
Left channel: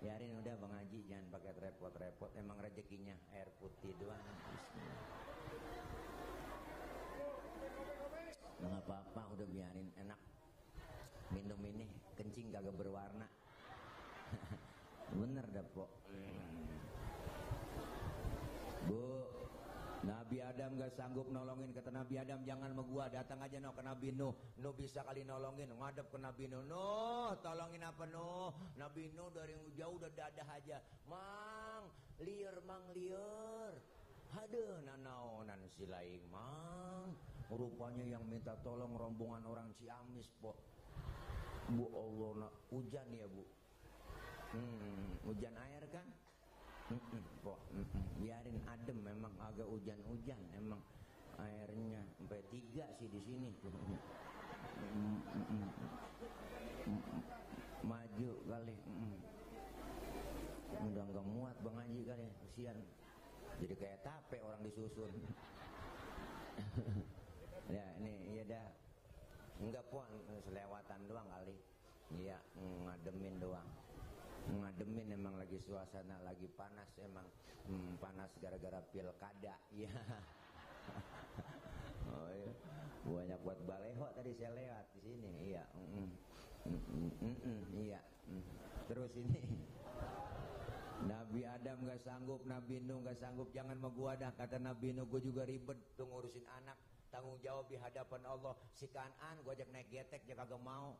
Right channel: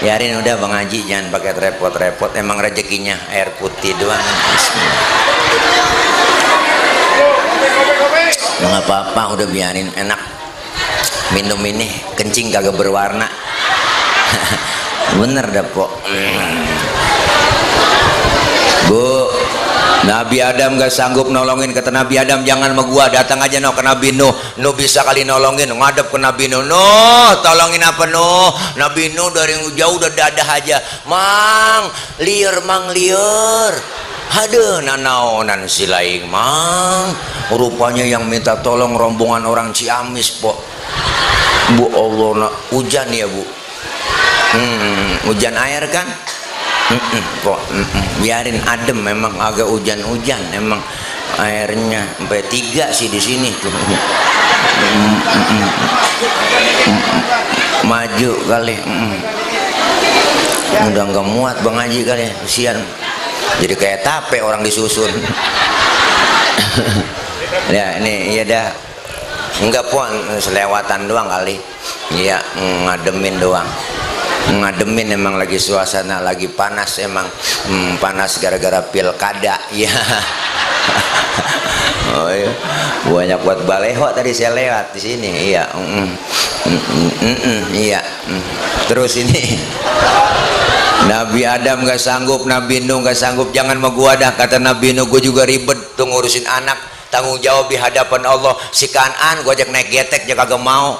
Biarin udah bang Haji, jangan pakai repot-repot, emang rezekinya air putih doang. Nggak apa-apa, udah biarin, enak minum ini, kencing kagak berwarna. Bener dah pok. Bu, Nabi Adam gak sanggup nolongin, kata Nabi Adam jangan sama gua, datang aja no ke Nabi Nuh. Nuh bisa kali nolongin, ngadep ke Nabi Nuh. Nuh tolongin apa Nuh? Nabi Nuh dari jauh udah dadah aja, mang liur aduh nanaonan si laing mang, rupanya yang minta tolong rombongan orang Ciamis po. Bu Allah, hujan ya bu, hujan air kan? Kok biarin adem, memang agak hujan-hujan, emang airnya sampai 3 sih di sini tuh. Maju kali, udah nggak muat Bang Haji kali, kesian. Jadi kayak tape orang disusun. Ya ini iya dah, enggak pun selewatan doang kali, iya ngademin doang. Ngademin, emang lagi suasana lagi panas, emang panas gara-gara pilkada ya. Oh iya, banyak buat baleho tadi saya lewat di sini, iya. Iya. Terus ini Nabi Adam gak sanggup, Nabi Nuh gak sanggup, jangan mau gua dah, kata Nabi Nuh, gua juga ribet tuh ngurusin anak, tanggung jawab di hadapan Allah. Si Kan'an gua ajak naik getek dia kagak mau.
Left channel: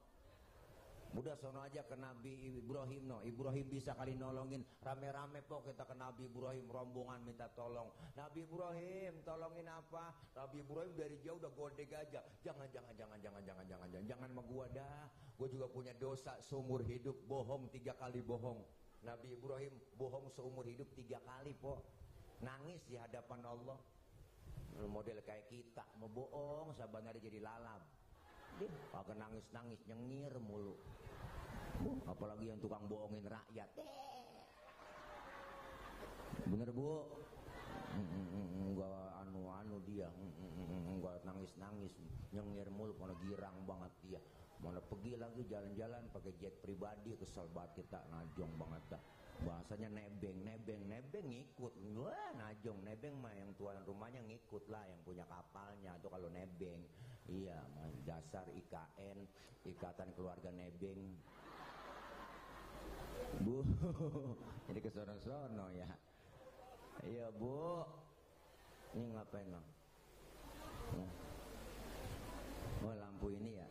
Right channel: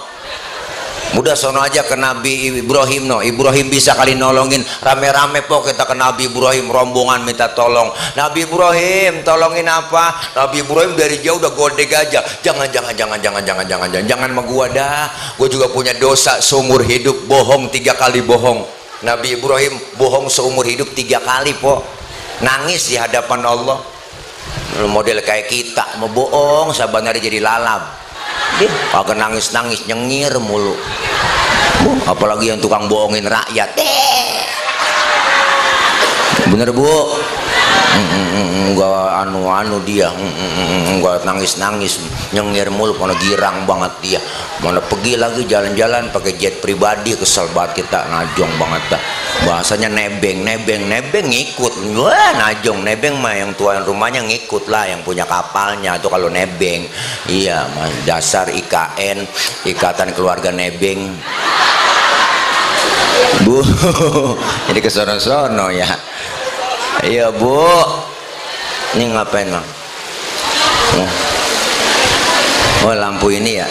Udah sono aja ke Nabi Ibrahim no. Ibrahim bisa kali nolongin, rame-rame po kita ke Nabi Ibrahim, rombongan minta tolong. Nabi Ibrahim tolongin apa? Nabi Ibrahim dari jauh udah gode gajah. Jangan sama gua dah. Gua juga punya dosa seumur hidup, bohong 3 kali bohong. Nabi Ibrahim bohong seumur hidup 3 kali po. Nangis di hadapan Allah. Model kayak kita mau bohong sabanari jadi lalap. Kagak nangis-nangis, nyengir mulu. Apalagi yang tukang bohongin rakyat. Bener bu? Enggak anu dia, enggak nangis-nangis, nyengir mulu, mana girang banget dia. Mana pergi lagi jalan-jalan pakai jet pribadi, kesel banget kita, najong banget dah. Bahasanya nebeng ngikut. Wah najong, nebeng mah yang tuan rumahnya ngikut lah, yang punya kapalnya itu kalau nebeng. Iya mas, dasar IKN, Ikatan Keluarga Nebeng. Bu, jadi kesono-sono ya. Iya bu, ini ngapain bang? Oh lampu ini ya.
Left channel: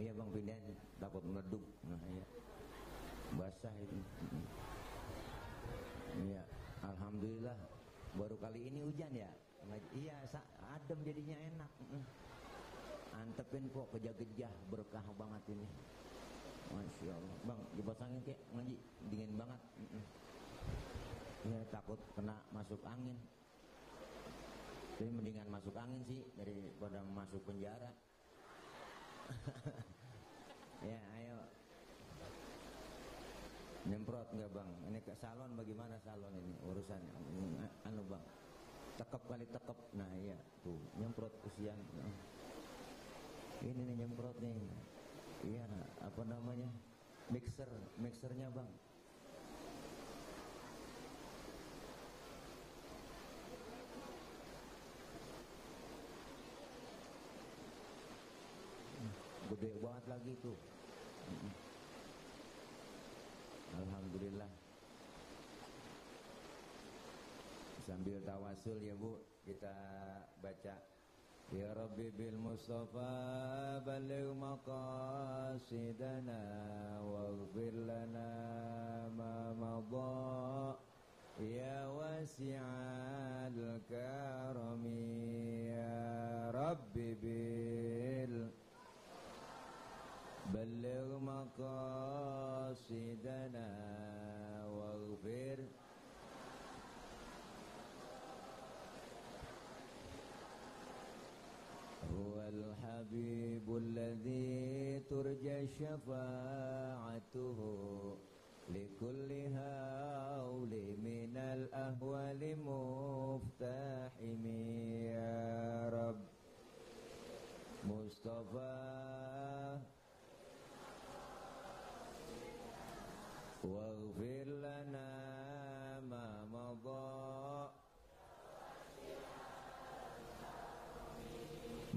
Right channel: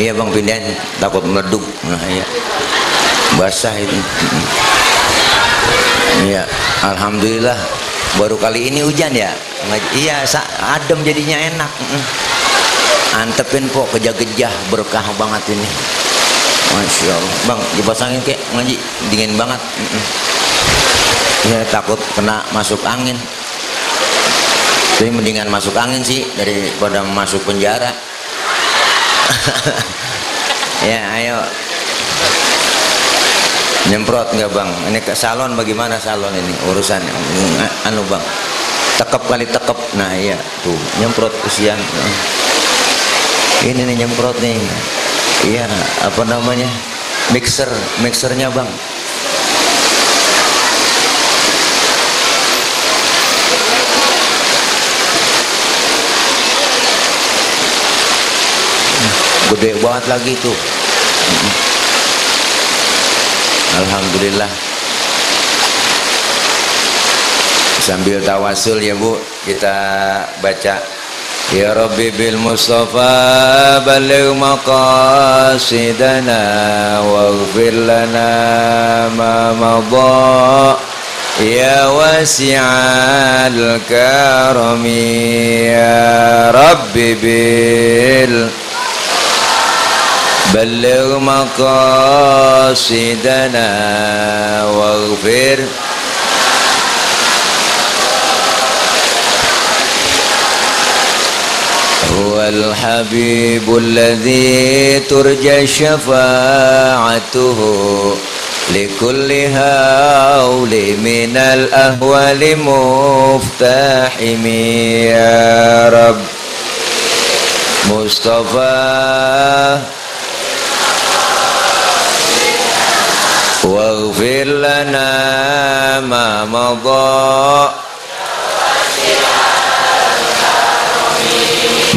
Iya bang, pindahin, takut meleduk. Nah iya, basah itu. Iya, alhamdulillah baru kali ini hujan ya. Iya, adem jadinya enak. Antepin po, gejah-gejah, berkah banget ini. Masya Allah bang, dipasangin kek ngaji, dingin banget. Ya takut kena masuk angin, tapi mendingan masuk angin sih daripada masuk penjara. Ya ayo, nyemprot nggak bang? Ini ke salon, bagaimana salon ini urusan? Anu bang, tekep kali tekep. Nah iya tuh nyemprot kesian. Ini nih nyemprot nih. Iya apa namanya, mixernya bang. Gede banget lagi tuh. Alhamdulillah. Sambil tawasul ya bu, kita baca Ya Rabbi bil Mustafa baligh maqasidana waghfir lana ma madha ya wasi'al karami ya Rabbi bil baligh maqasidana waghfir huwal habibul ladzi turja syafa'atuhu likulli hauli minal ahwali muftahimi ya Rabb Mustafa waghfir lana ma madha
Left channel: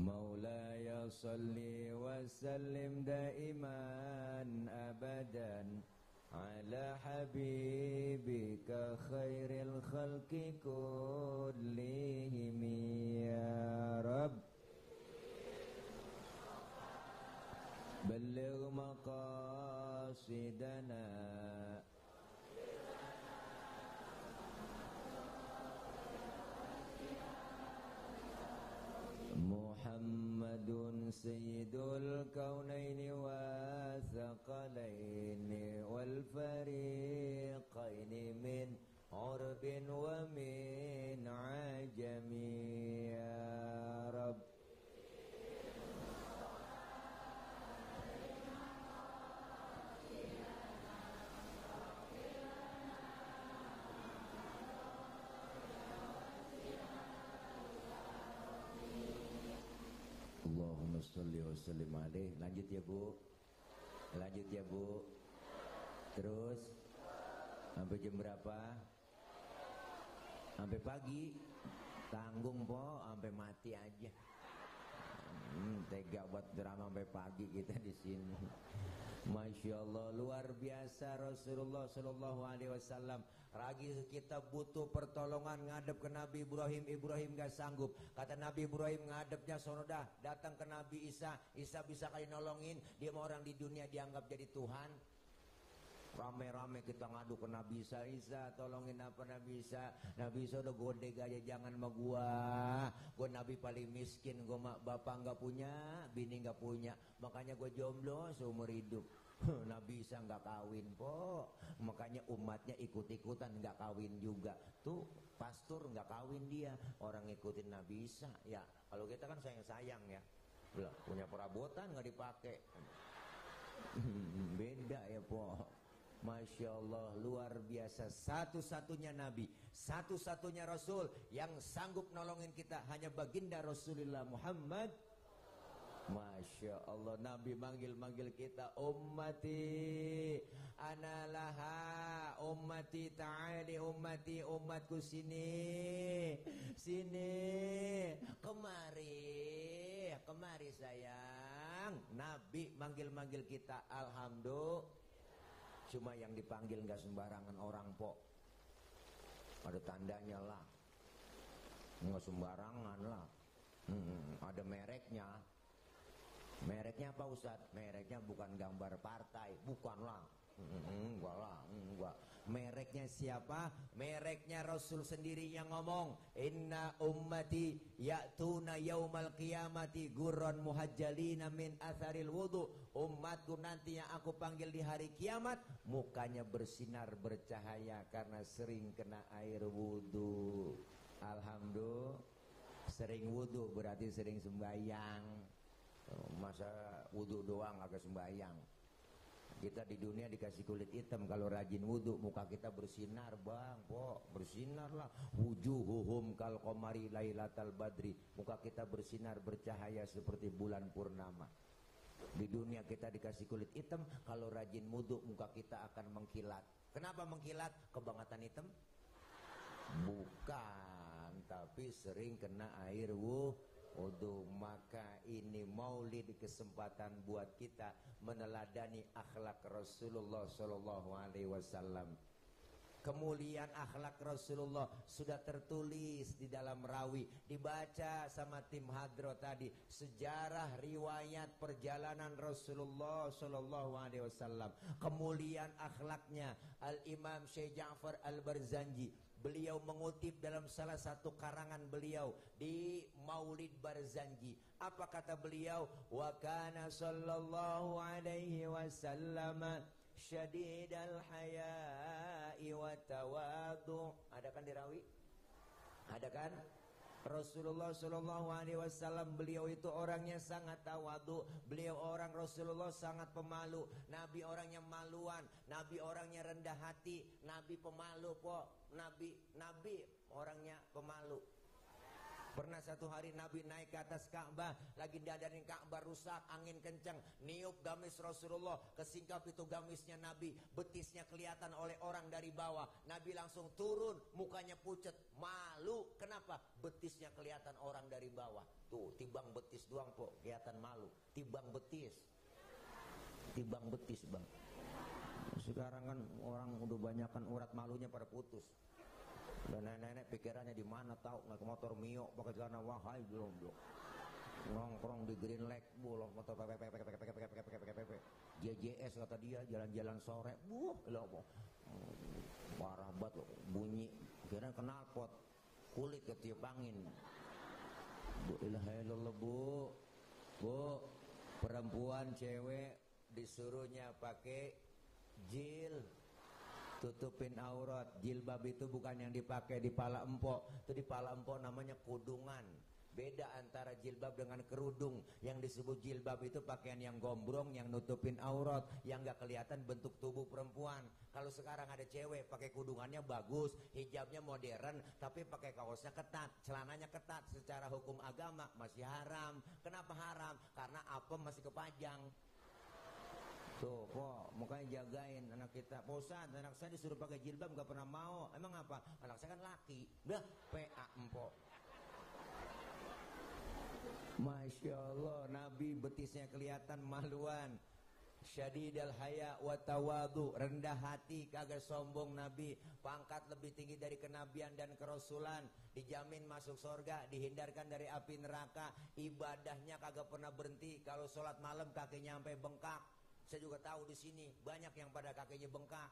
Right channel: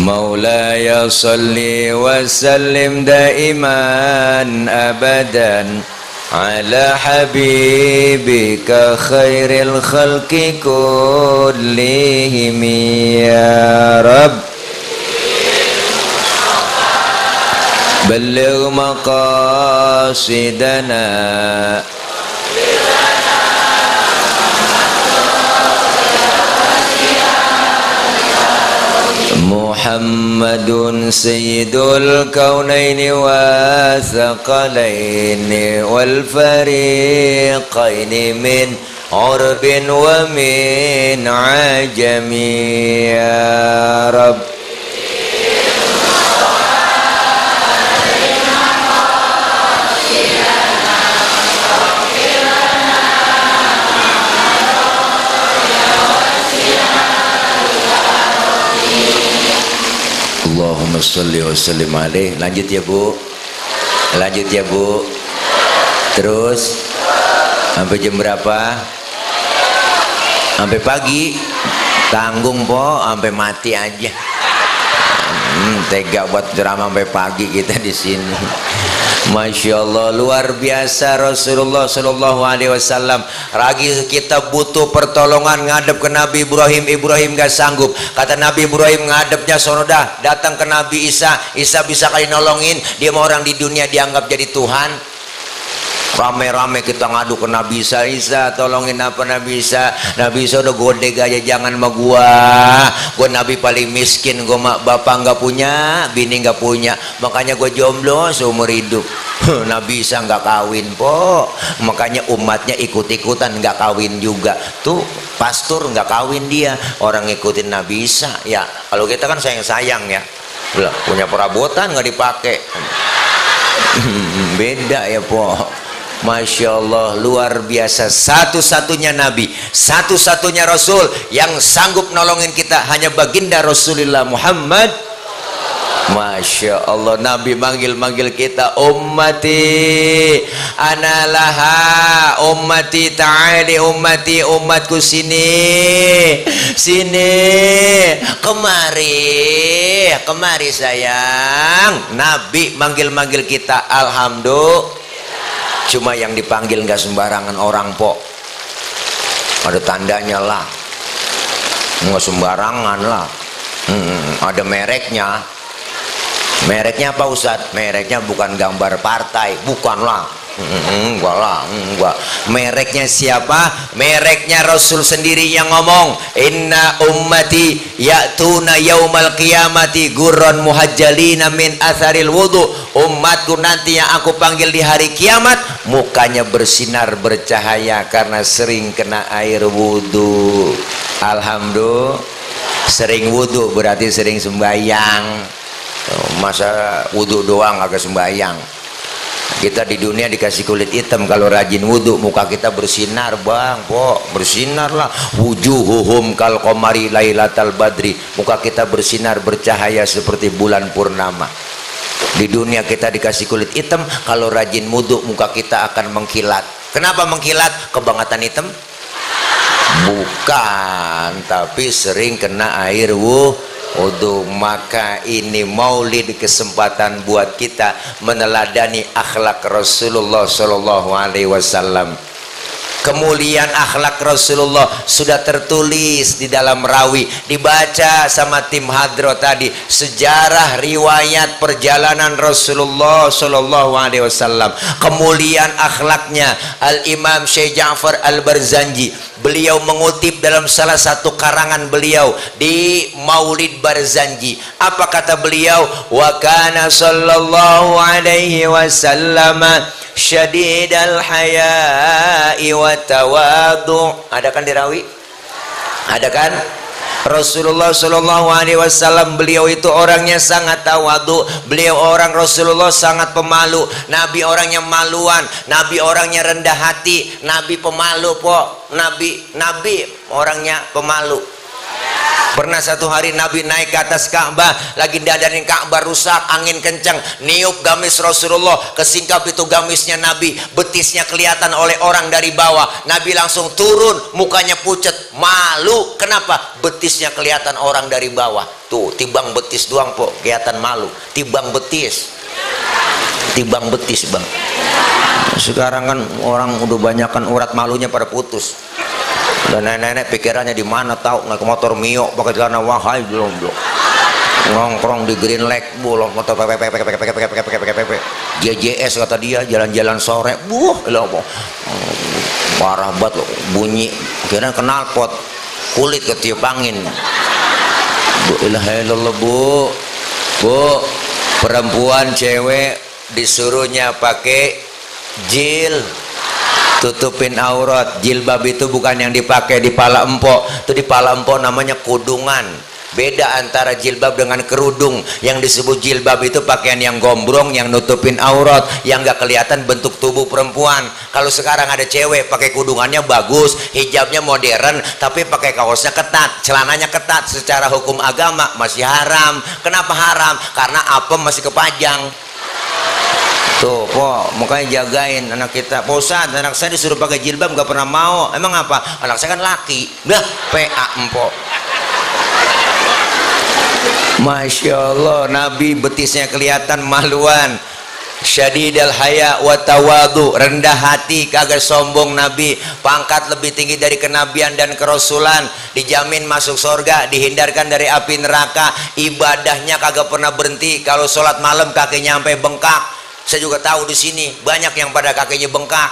Maulaya salli wa sallim daiman abadan ala habibika khairil khalqi kullihim ya Rabb balligh maqasidana Muhammadun sayyidul kaunaini wa thaqalaini wal fariqaini min urbin wa min ajami ya Rabb Allahumma sholli wa sallim alaih. Lanjut ya Bu, lanjut ya Bu. Terus sampai jam berapa? Sampai pagi. Tanggung po, sampai mati aja. Tega buat drama sampai pagi kita di sini. Masya Allah, luar biasa Rasulullah Shallallahu Alaihi Wasallam. Lagi kita butuh pertolongan ngadep ke Nabi Ibrahim, Ibrahim gak sanggup. Kata Nabi Ibrahim ngadepnya sonodah, datang ke Nabi Isa, Isa bisa kali nolongin. Dia mau orang di dunia dianggap jadi Tuhan. Rame-rame kita ngadu ke Nabi Isa, Isa tolongin apa Nabi Isa. Nabi Isa udah godeg aja, jangan sama gua Nabi paling miskin, gua mak bapak nggak punya, bini nggak punya, makanya gua jomblo seumur hidup. Nabi Isa nggak kawin po, makanya umatnya ikut-ikutan nggak kawin juga. Tuh pastor nggak kawin dia, orang ngikutin Nabi Isa. Ya kalau kita kan sayang-sayang ya, punya perabotan nggak dipakai. Beda ya po. Masya Allah, luar biasa. Satu-satunya Nabi, satu-satunya Rasul yang sanggup nolongin kita hanya baginda Rasulullah Muhammad. Masya Allah, Nabi manggil-manggil kita, ummati analaha, ummati ta'ali, ummati, umatku sini, sini, kemari, kemari sayang. Nabi manggil-manggil kita, alhamdulillah. Cuma yang dipanggil nggak sembarangan orang po, ada tandanya lah, nggak sembarangan lah. Ada mereknya. Mereknya apa Ustadz? Mereknya bukan gambar partai, bukanlah. Enggak lah, enggak. Mereknya siapa? Mereknya Rasul sendiri yang ngomong, inna ummati ya'tuna yaumal qiyamati gurran muhajjalina min atharil wudu. Umatku nanti yang aku panggil di hari kiamat mukanya bersinar bercahaya karena sering kena air wudu. Alhamdulillah. Sering wudu berarti sering sembahyang. Masa wudu doang agak sembahyang. Kita di dunia dikasih kulit hitam, kalau rajin wudhu muka kita bersinar bang po, bersinar lah. Wujuhuhum kal qamari lailatal badri, muka kita bersinar bercahaya seperti bulan purnama. Di dunia kita dikasih kulit hitam, kalau rajin wudhu muka kita akan mengkilat. Kenapa mengkilat? Kebangetan hitam? Bukan, tapi sering kena air wudhu. Maka ini maulid kesempatan buat kita meneladani akhlak Rasulullah Shallallahu Alaihi Wasallam. Kemuliaan akhlak Rasulullah sudah tertulis di dalam rawi, dibaca sama tim hadro tadi, sejarah riwayat perjalanan Rasulullah Shallallahu Alaihi Wasallam. Kemuliaan akhlaknya Al Imam Syekh Ja'far Al Barzanji, beliau mengutip dalam salah satu karangan beliau di Maulid Barzanji. Apa kata beliau? Wa kana sallallahu alaihi wasallam syadidal haya'i wa tawadu. Ada kan dirawi? Ada kan? Rasulullah Shallallahu Alaihi Wasallam beliau itu orangnya sangat tawadu. Beliau orang Rasulullah sangat pemalu. Nabi orangnya maluan. Nabi orangnya rendah hati. Nabi pemalu po. Nabi orangnya pemalu. Pernah satu hari Nabi naik ke atas Ka'bah, lagi dadarin Ka'bah rusak, angin kencang, niup gamis Rasulullah, kesingkap itu gamisnya Nabi, betisnya kelihatan oleh orang dari bawah. Nabi langsung turun, mukanya pucat, malu. Kenapa? Betisnya kelihatan orang dari bawah. Tuh, timbang betis doang po, kelihatan malu. Timbang betis bang. Sekarang kan orang udah banyak kan urat malunya pada putus. Dan nenek-nenek pikirannya di mana tahu, naik motor Mio pakai celana wahai belum nongkrong di Green Lake bolong motor JJS kata dia, jalan-jalan sore parah banget loh, bunyi kira knalpot, kulit ketiup angin. Bu ilaha illallah, bu perempuan cewek disuruhnya pakai jil tutupin aurat. Jilbab itu bukan yang dipakai di pala empok, itu di pala empok namanya kudungan. Beda antara jilbab dengan kerudung. Yang disebut jilbab itu pakaian yang gombrong, yang nutupin aurat, yang gak kelihatan bentuk tubuh perempuan. Kalau sekarang ada cewek pakai kudungannya bagus, hijabnya modern, tapi pakai kaosnya ketat, celananya ketat, secara hukum agama masih haram. Kenapa haram? Karena apem masih kepajang. Tuh, kok makanya jagain anak kita. Pak Ustadz, anak saya disuruh pakai jilbab gak pernah mau. Emang apa? Anak saya kan laki. Dah, PA empok. Masya Allah, Nabi betisnya kelihatan maluan. Syadidal haya wa tawadu, rendah hati, kagak sombong Nabi. Pangkat lebih tinggi dari kenabian dan kerasulan, dijamin masuk surga, dihindarkan dari api neraka. Ibadahnya kagak pernah berhenti. Kalau sholat malam kakinya sampai bengkak. Saya juga tahu di sini banyak yang pada kakinya bengkak.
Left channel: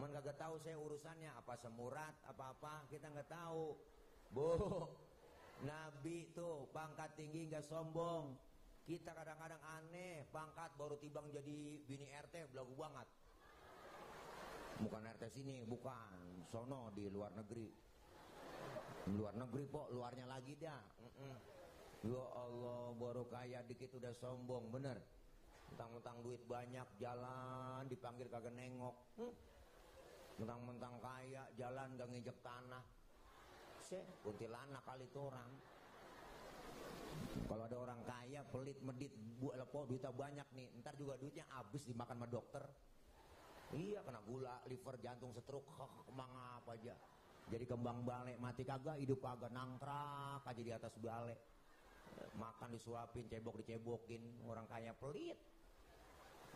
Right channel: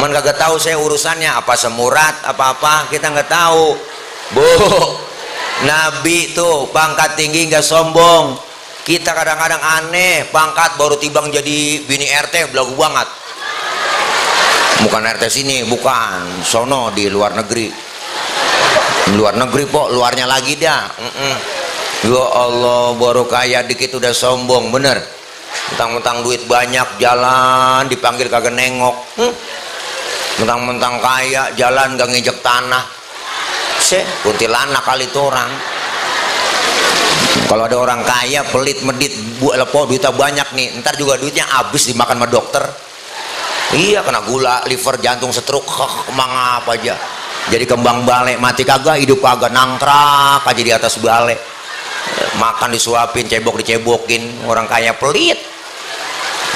Man kagak tahu saya urusannya apa semurat apa-apa, kita nggak tahu. Bu, Nabi tuh pangkat tinggi nggak sombong. Kita kadang-kadang aneh, pangkat baru tibang jadi bini RT belagu banget. Bukan RT sini, bukan, sono di luar negeri. Luar negeri pok, luarnya lagi dah. Ya Allah, baru kaya dikit udah sombong, bener. Mentang-mentang duit banyak, jalan dipanggil kagak nengok. Mentang-mentang kaya, jalan gak nginjek tanah. Kuntilanak kali itu orang. Kalau ada orang kaya pelit medit, bu lepo duitnya banyak nih, ntar juga duitnya habis dimakan sama dokter. Iya, kena gula, liver, jantung, stroke, emang apa aja. Jadi kembang balik, mati kagak, hidup kagak, nangkrak aja di atas balik. Makan disuapin, cebok dicebokin, orang kaya pelit.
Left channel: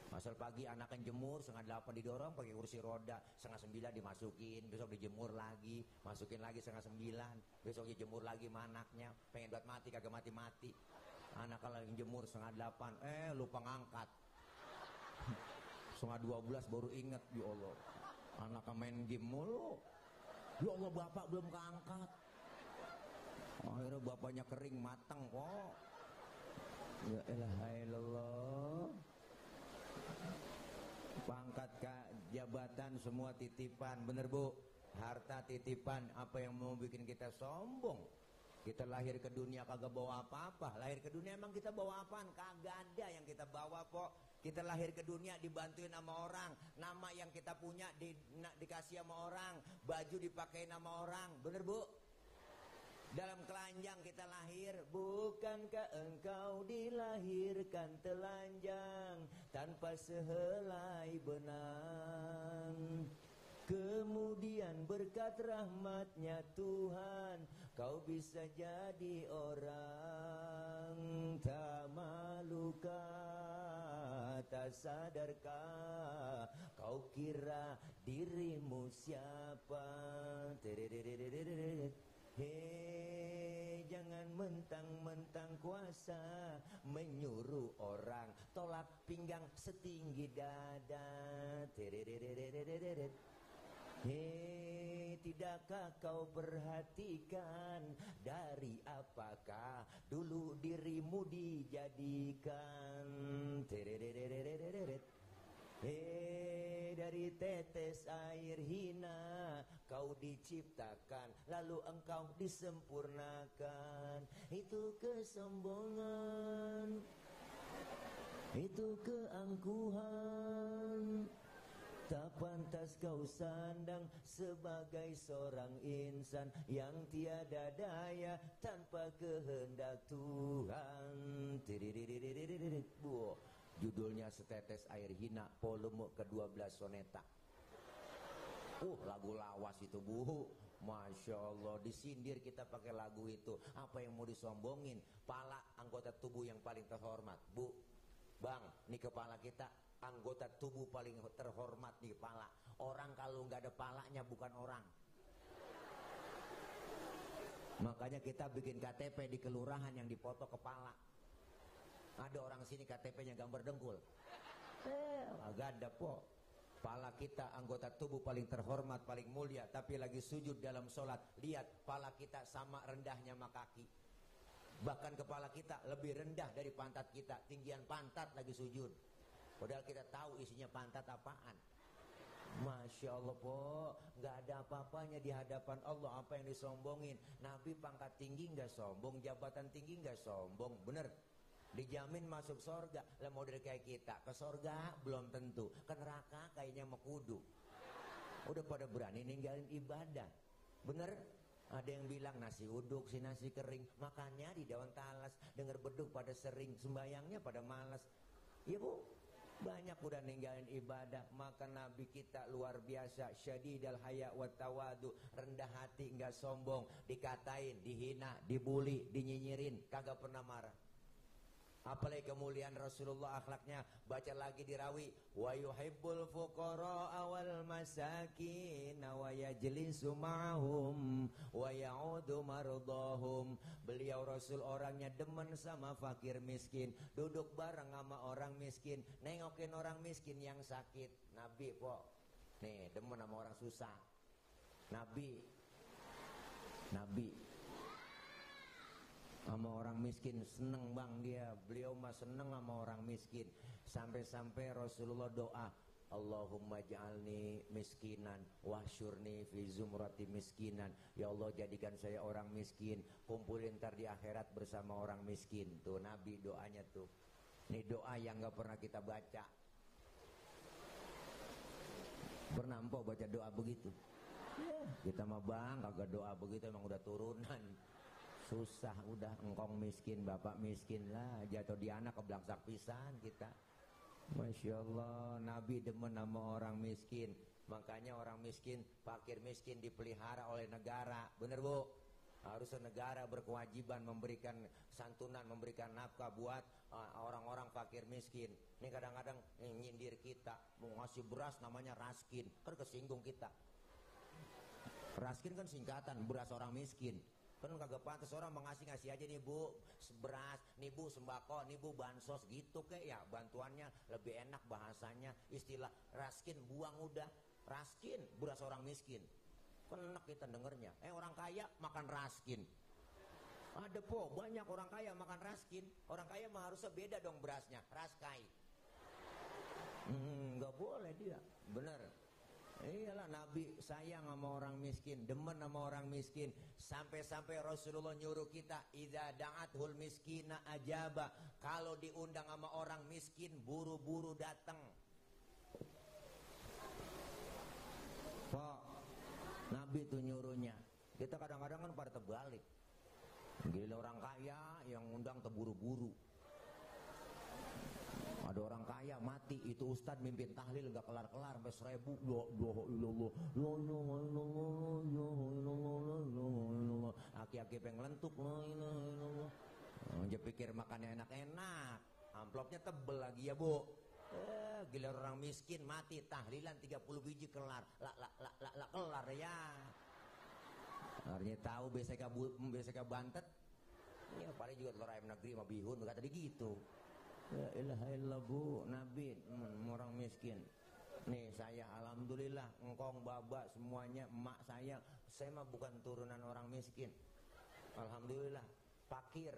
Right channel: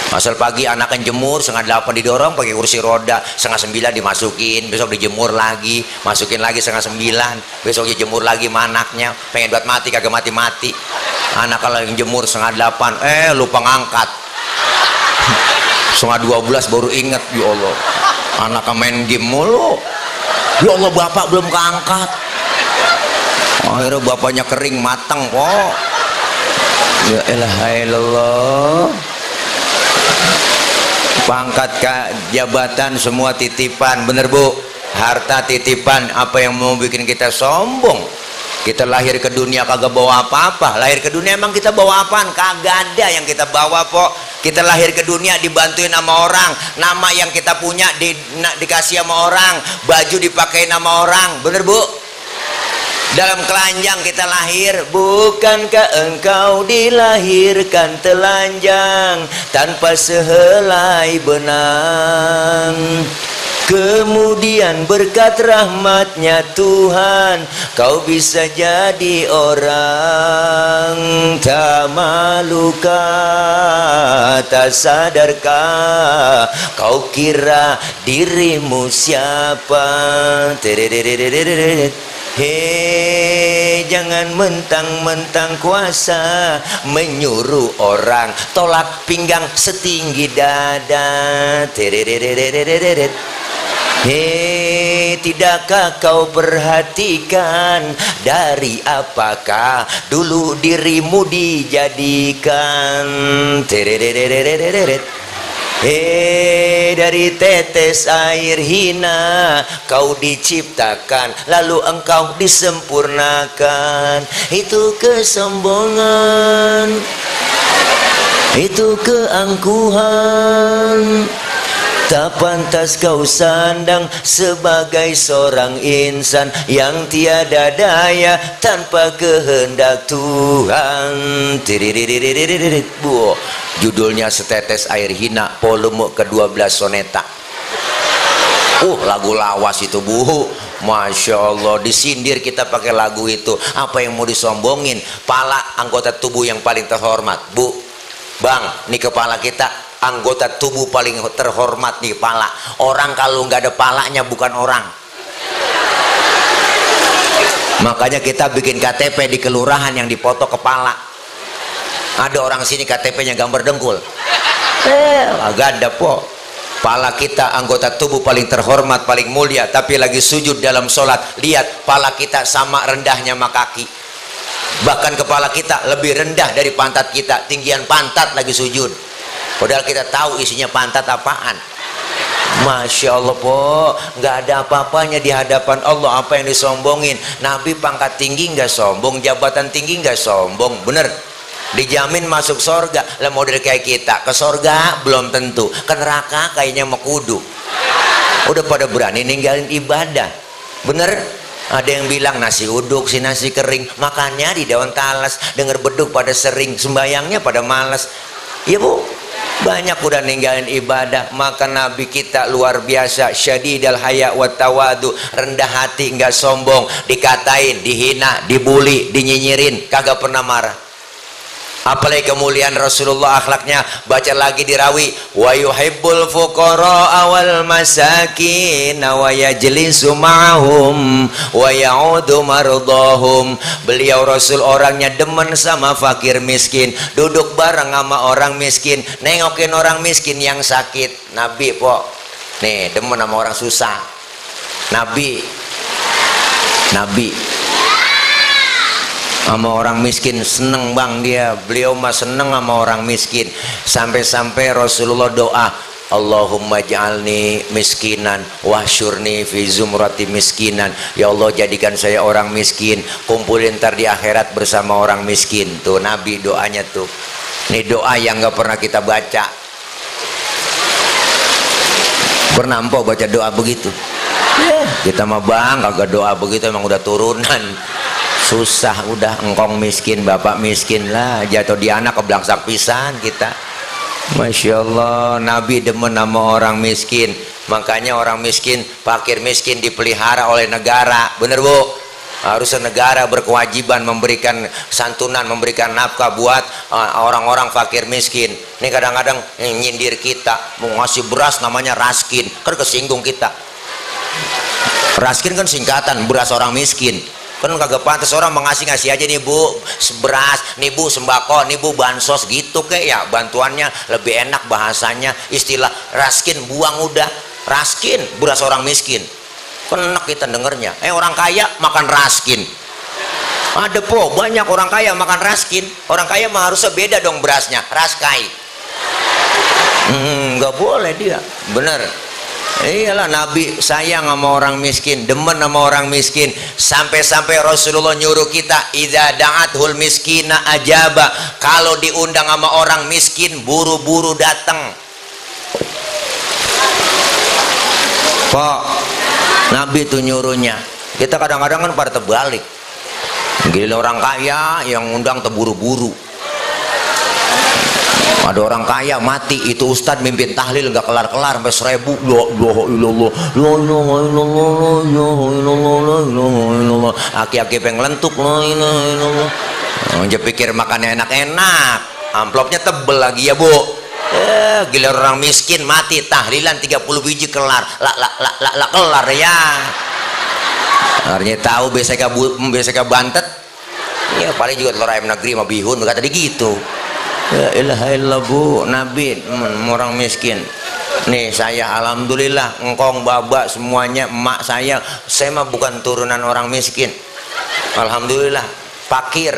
Asal pagi anaknya jemur, 7:30 didorong pakai kursi roda, 8:30 dimasukin, besok dijemur lagi, masukin lagi 8:30, besok dijemur lagi manaknya, pengen buat mati kagak mati-mati. Anak kalau yang jemur 7:30, lupa ngangkat. 11:30 baru inget, ya Allah, anaknya main game mulu. Ya Allah, bapak belum keangkat. Akhirnya bapaknya kering matang kok. Ya ilaha illallah. Pangkat jabatan semua titipan, bener bu. Harta titipan, apa yang mau bikin kita sombong? Kita lahir ke dunia kagak bawa apa-apa. Lahir ke dunia emang kita bawa apaan? Kagak ada yang kita bawa kok. Kita lahir ke dunia dibantuin sama orang. Nama yang kita punya dikasih sama orang. Baju dipakai sama orang, bener bu? Dalam keranjang kita lahir, bukankah engkau dilahirkan telanjang tanpa sehelai benang? Kemudian berkat rahmatnya Tuhan, kau bisa jadi orang. Tak malukah, tak sadarkah, kau kira dirimu siapa? Hei, jangan mentang-mentang kuasa menyuruh orang tolak pinggang setinggi dada. Hei, tidakkah kau perhatikan dari apakah dulu dirimu dijadikan? Hei, dari tetes air hina kau diciptakan, lalu engkau disempurnakan. Itu kesombongan, itu keangkuhan. Tak pantas kau sandang sebagai seorang insan yang tiada daya tanpa kehendak Tuhan. Judulnya Setetes Air Hina, volume ke-12 soneta. Lagu lawas itu bu. Masya Allah, disindir kita pakai lagu itu. Apa yang mau disombongin? Pala anggota tubuh yang paling terhormat bu. Bang, ini kepala kita anggota tubuh paling terhormat nih, pala. Orang kalau nggak ada palanya bukan orang. Makanya kita bikin KTP di kelurahan yang dipoto kepala. Ada orang sini KTP-nya gambar dengkul. Agak ada po. Pala kita anggota tubuh paling terhormat, paling mulia, tapi lagi sujud dalam sholat. Lihat, pala kita sama rendahnya sama kaki. Bahkan kepala kita lebih rendah dari pantat kita. Tinggian pantat lagi sujud. Padahal kita tahu isinya pantat apaan. Masya Allah po, nggak ada apa-apanya di hadapan Allah. Apa yang disombongin? Nabi pangkat tinggi nggak sombong, jabatan tinggi nggak sombong, bener. Dijamin masuk sorga. Lah model kayak kita ke sorga belum tentu, ke neraka kayaknya mau kudu. Udah pada berani ninggalin ibadah, bener. Ada yang bilang nasi uduk si nasi kering, makannya di daun talas, denger beduk pada sering, sembayangnya pada malas. Iya bu, banyak udah ninggalin ibadah. Maka Nabi kita luar biasa, syadidal haya wa tawadu, rendah hati nggak sombong, dikatain, dihina, dibully, dinyinyirin, kagak pernah marah. Apalagi kemuliaan Rasulullah akhlaknya. Baca lagi di rawi, wa yuhibbul fuqara wal masakin wa yajlisu ma'hum wa ya'udu mardahum. Beliau Rasul orangnya demen sama fakir miskin, duduk bareng sama orang miskin, nengokin orang miskin yang sakit. Nabi po nih demen sama orang susah. Nabi sama orang miskin seneng bang dia. Beliau mah seneng sama orang miskin. Sampai-sampai Rasulullah doa, Allahumma ja'alni miskinan wahsyurni fi zumrati miskinan. Ya Allah jadikan saya orang miskin, kumpulin ntar di akhirat bersama orang miskin. Tuh Nabi doanya tuh. Ini doa yang gak pernah kita baca. Pernah empok baca doa begitu? Kita mah bang kagak doa begitu, emang udah turunan. Susah udah, engkong miskin, bapak miskin lah, jatuh di anak keblangsak pisan kita. Masya Allah, Nabi demen sama orang miskin. Makanya orang miskin, fakir miskin dipelihara oleh negara. Bener bu? Harusnya negara berkewajiban memberikan santunan, memberikan nafkah buat orang-orang fakir miskin. Ini kadang-kadang nyindir kita, mau ngasih beras namanya raskin, kan kesinggung kita. Raskin kan singkatan beras orang miskin. Kan kagak pantas orang mengasih-ngasih aja nih bu beras, nih bu sembako, nih bu bansos gitu kayak ya, bantuannya lebih enak bahasanya. Istilah raskin buang udah, raskin beras orang miskin. Kan enak kita dengernya. Orang kaya makan raskin. Ada po banyak orang kaya makan raskin. Orang kaya mah harusnya beda dong berasnya, raskai. Nggak boleh dia, bener. Iyalah Nabi sayang sama orang miskin, demen sama orang miskin. Sampai-sampai Rasulullah nyuruh kita, idza da'athul miskina ajaba. Kalau diundang sama orang miskin, buru-buru datang. Kok Nabi tuh nyuruhnya. Kita kadang-kadang kan pada terbalik. Gila orang kaya yang undang terburu-buru. Ada orang kaya mati, itu ustadz mimpin tahlil nggak kelar-kelar sampai 1000. Aki-aki pengen lentuk. Dia pikir makannya enak-enak, amplopnya tebel lagi ya bu. Gila orang miskin mati tahlilan 30 biji kelar, kelar ya. Artinya tahu beseka bantet. Ya paling juga telur ayam negeri sama bihun kata dia gitu. Ya ilaha illallah bu, Nabi orang miskin. Nih saya alhamdulillah engkong babak semuanya emak saya mah bukan turunan orang miskin. Alhamdulillah fakir.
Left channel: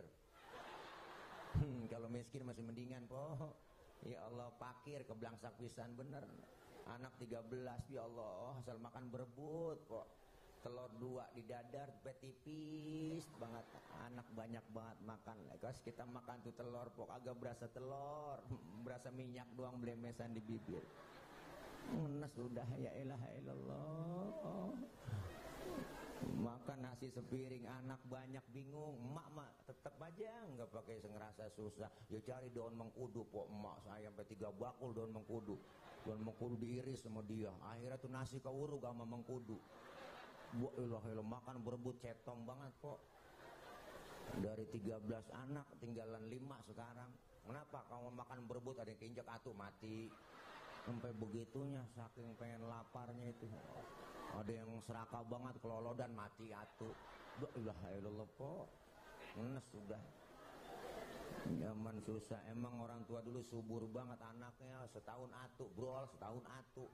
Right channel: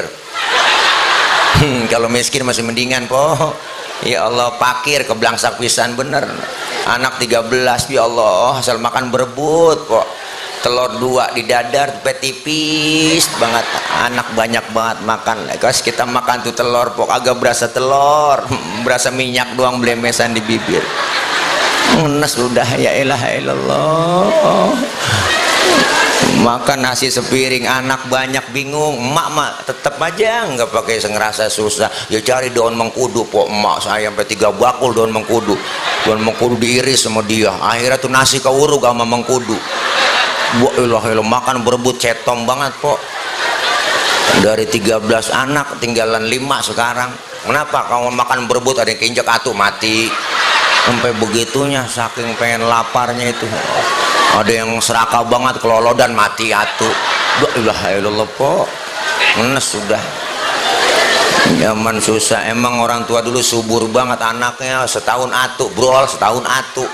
Kalau miskin masih mendingan po. Ya Allah fakir keblangsak pisan bener. Anak 13 ya Allah asal makan berebut po. Telur 2 di dadar tipis banget, anak banyak banget makan. Guys kita makan tuh telur pok agak berasa telur, berasa minyak doang blemesan di bibir. Ngenes udah ya ilaha illallah. Makan nasi sepiring, anak banyak bingung. Emak mak tetep aja nggak pakai ngerasa susah. Ya cari daun mengkudu pok, emak saya sampai 3 bakul daun mengkudu. Daun mengkudu diiris sama dia. Akhirnya tuh nasi keuruk sama mengkudu. Wah ilah makan berebut cetom banget po. Dari 13 anak tinggalan 5 sekarang. Kenapa? Kalau makan berebut ada yang keinjak atuh mati. Sampai begitunya saking pengen laparnya itu. Ada yang serakah banget kelolodan mati atuh. La ilaha illallah po. Ngenes sudah. Zaman susah. Emang orang tua dulu subur banget anaknya, setahun atuh, brol setahun atuh.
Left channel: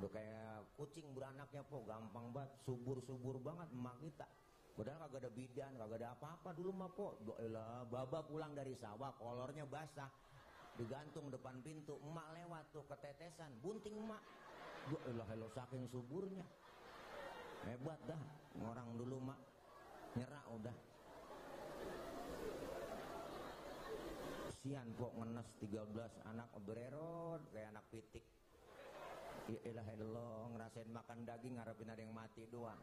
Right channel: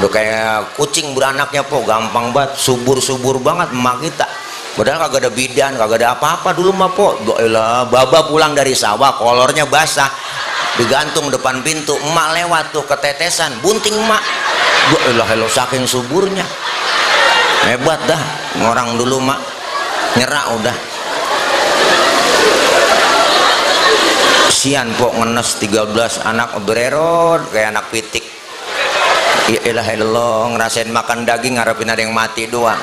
Udah kayak kucing beranaknya po, gampang banget, subur-subur banget emak kita. Padahal kagak ada bidan, kagak ada apa-apa dulu mah po. Doilah, baba pulang dari sawah, kolornya basah, digantung depan pintu. Emak lewat tuh ketetesan, bunting emak. Doilah, lo saking suburnya, hebat dah orang dulu mak. Nyerak udah. Sian po ngenes 13 anak bererot kayak anak pitik. Ya ilah ilallah, ngerasain makan daging ngarepin ada yang mati doang.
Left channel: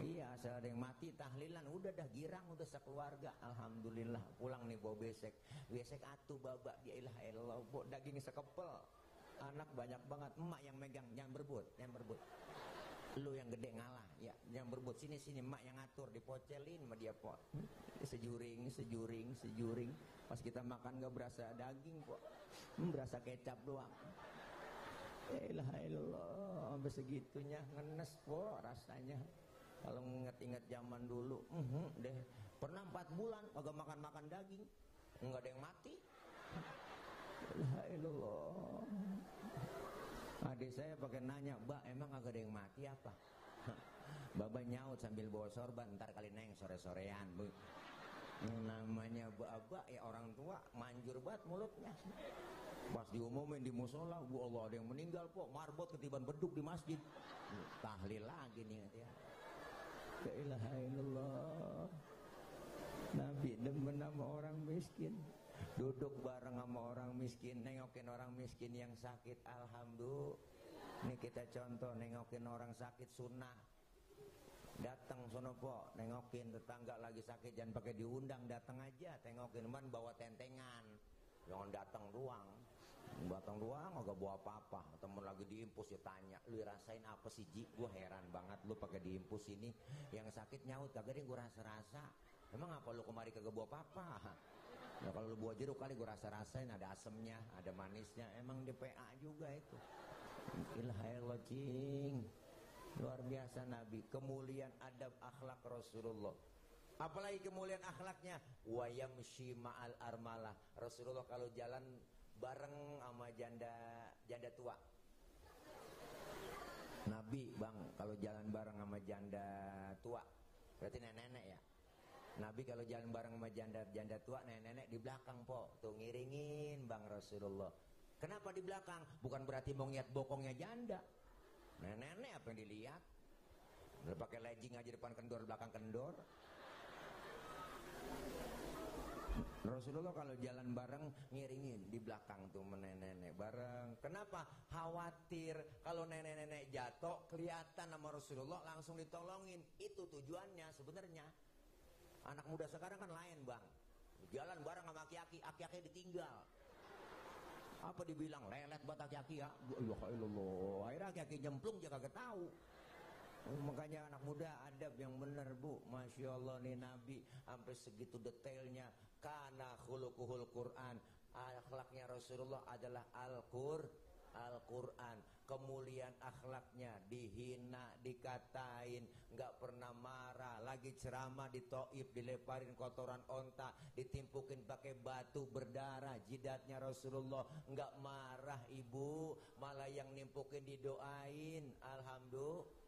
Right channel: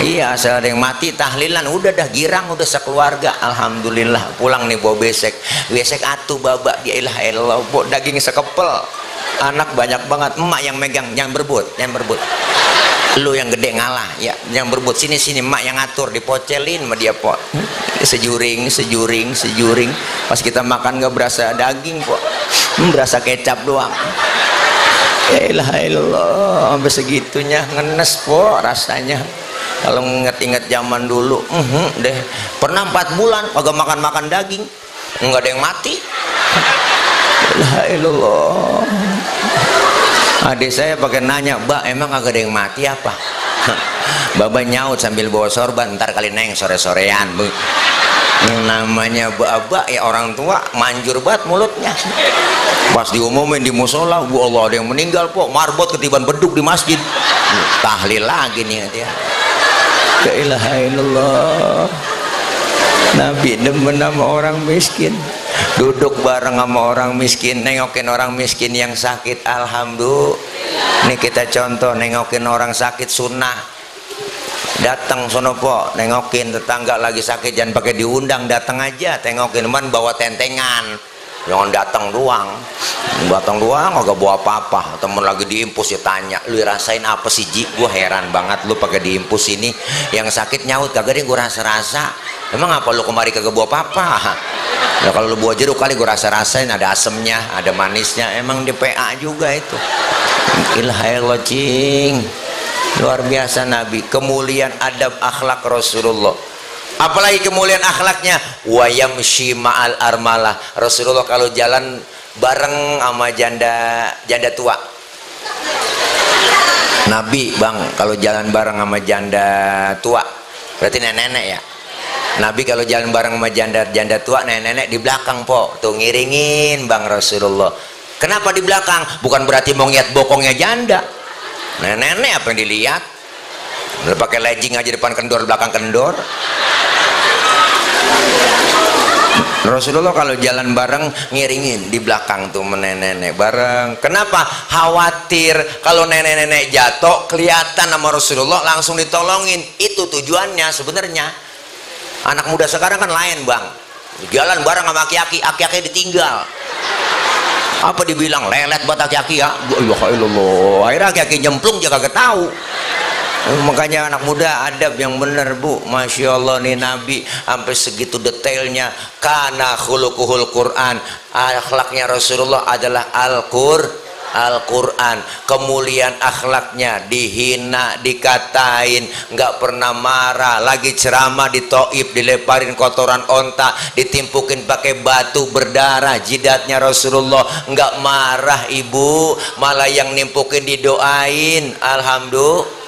Iya, asal ada yang mati tahlilan udah dah girang udah sekeluarga. Alhamdulillah pulang nih bawa besek atuh babak dia ilah ilallah bawa daging sekepel. Anak banyak banget, emak yang megang, yang berebut. Lu yang gede ngalah ya, yang berebut sini emak yang ngatur, dipocelin sama dia po. Sejuring. Pas kita makan nggak berasa daging po, berasa kecap doang. Ya ilah ilallah, sampai segitunya ngenes po rasanya. Kalau inget-inget zaman dulu, deh pernah 4 bulan kagak makan daging, nggak ada yang mati. La ilallah. Adik saya pakai nanya, "Mbak, emang kagak ada yang mati apa?" Baba nyaut sambil bawa sorban, "Ntar kali neng sore-sorean." Namanya baba ya orang tua manjur banget mulutnya. Pas diumumin di musola, "Bu Allah ada yang meninggal po, marbot ketiban beduk di masjid." Tahlil lagi nih dia. La ilaha illallah. Nabi demen sama orang miskin, duduk bareng sama orang miskin, nengokin orang miskin yang sakit. Alhamdulillah. Ini kita contoh nengokin orang sakit sunnah. Datang sono po, nengokin tetangga lagi sakit, jangan pakai diundang, datang aja tengokin. Man bawa tentengan, jangan datang doang agak bawa apa-apa. Temen lagi diimpus ya tanya, "Lu rasain apa sih Ji?" Gua heran banget lu pakai diimpus ini. Yang sakit nyaut, "Kagak deh gua rasa-rasa." "Emang apa lu kemari kagak bawa apa-apa?" Ya kalau lu bawa jeruk kali gua rasa-rasain, ada asemnya, ada manisnya. Emang di PA juga itu. Ilahillah cing. Luar biasa Nabi, kemuliaan adab akhlak Rasulullah. Apalagi kemuliaan akhlaknya, wa yamshi ma'al armalah. Rasulullah kalau jalan bareng sama janda tua. Nabi bang kalau jalan bareng sama janda tua, berarti nenek-nenek ya. Nabi kalau jalan bareng sama janda tua, nenek-nenek di belakang po, tuh ngiringin bang Rasulullah. Kenapa di belakang? Bukan berarti mau ngeliat bokongnya janda. Nenek-nenek apa yang dilihat? Udah pakai legging aja depan kendor, belakang kendor. Rasulullah kalau jalan bareng ngiringin di belakang tuh nenek-nenek bareng. Kenapa? Khawatir kalau nenek-nenek jatuh kelihatan sama Rasulullah langsung ditolongin. Itu tujuannya sebenarnya. Anak muda sekarang kan lain bang, jalan bareng sama aki-aki ditinggal. Apa dibilang lelet buat aki-aki ya? Akhirnya aki-aki nyemplung juga kagak tahu. Makanya anak muda adab yang bener bu. Masya Allah nih Nabi sampai segitu detailnya. Kana khuluquhul Quran, akhlaknya Rasulullah adalah Al-Quran. Kemuliaan akhlaknya, dihina, dikatain, nggak pernah marah. Lagi ceramah di Taif dileparin kotoran onta, ditimpukin pakai batu berdarah jidatnya Rasulullah, nggak marah ibu, malah yang nimpukin didoain. Alhamdulillah,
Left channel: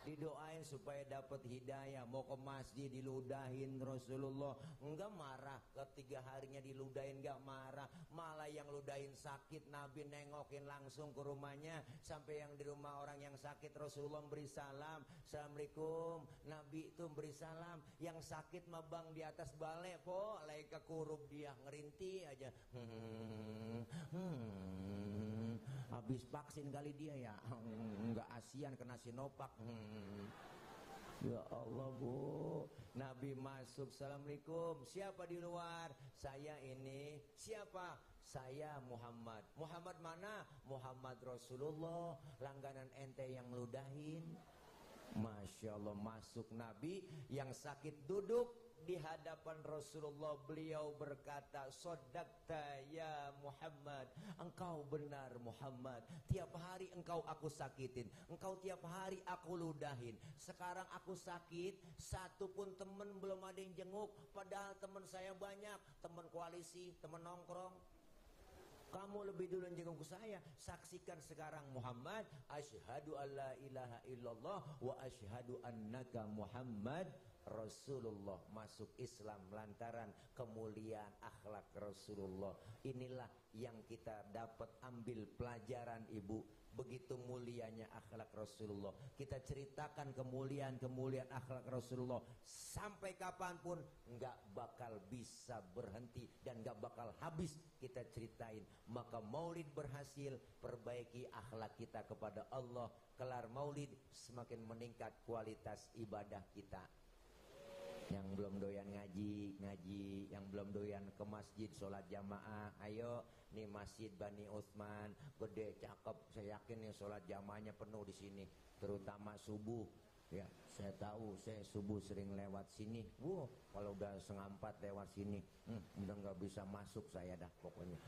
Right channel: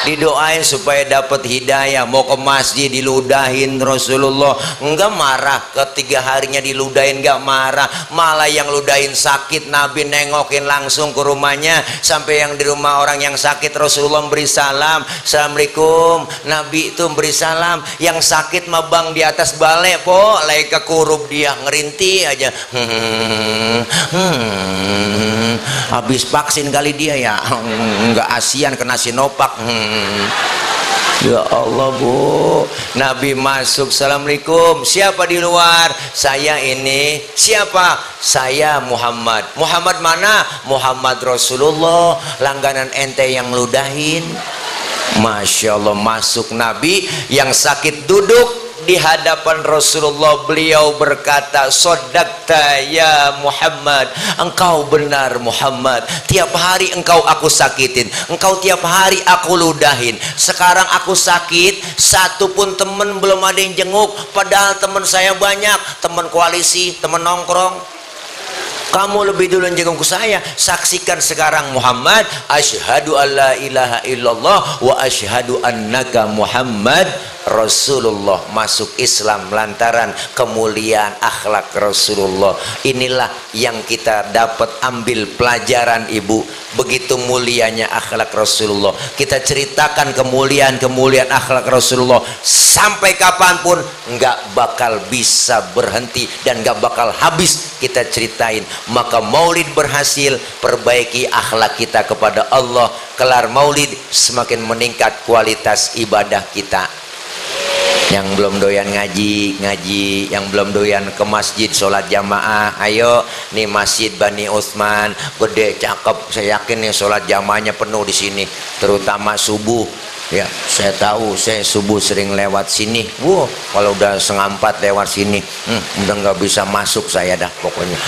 didoain supaya dapat hidayah. Mau ke masjid diludahin Rasulullah, enggak marah. Ketiga harinya diludahin enggak marah, malah yang ludahin sakit Nabi nengokin langsung ke rumahnya. Sampai yang di rumah orang yang sakit Rasulullah beri salam, "Assalamualaikum." Nabi itu beri salam. Yang sakit mah bang di atas balai po, lagi kekurup dia ngerinti aja. Habis vaksin kali dia ya, enggak ASEAN kena Sinovac. Ya Allah bu, Nabi masuk, "Assalamualaikum." "Siapa di luar?" "Saya ini." "Siapa?" "Saya Muhammad." "Muhammad mana?" "Muhammad Rasulullah, langganan ente yang ludahin." Masya Allah, masuk Nabi, yang sakit duduk, di hadapan Rasulullah. Beliau berkata, "Shadaqta ya Muhammad, engkau benar Muhammad. Tiap hari engkau aku sakitin, engkau tiap hari aku ludahin. Sekarang aku sakit, satu pun temen belum ada yang jenguk, padahal temen saya banyak, temen koalisi, temen nongkrong. Kamu lebih dulu jenguk saya. Saksikan sekarang Muhammad, asyhadu alla ilaha illallah wa asyhadu annaka Muhammad Rasulullah." Masuk Islam lantaran kemuliaan akhlak Rasulullah. Inilah yang kita dapat ambil pelajaran, Ibu. Begitu mulianya akhlak Rasulullah. Kita ceritakan kemuliaan akhlak Rasulullah sampai kapanpun nggak bakal bisa berhenti dan nggak bakal habis kita ceritain. Maka maulid berhasil, perbaiki akhlak kita kepada Allah. Kelar maulid semakin meningkat kualitas ibadah kita. Yang belum doyan ngaji, yang belum doyan ke masjid sholat jamaah, ayo nih Masjid Bani Utsman gede cakep, saya yakin nih sholat jamaahnya penuh di sini, terutama subuh. Ya, saya tahu, saya subuh sering lewat sini. Kalau udah 3:30 lewat sini, udah nggak bisa masuk saya dah pokoknya.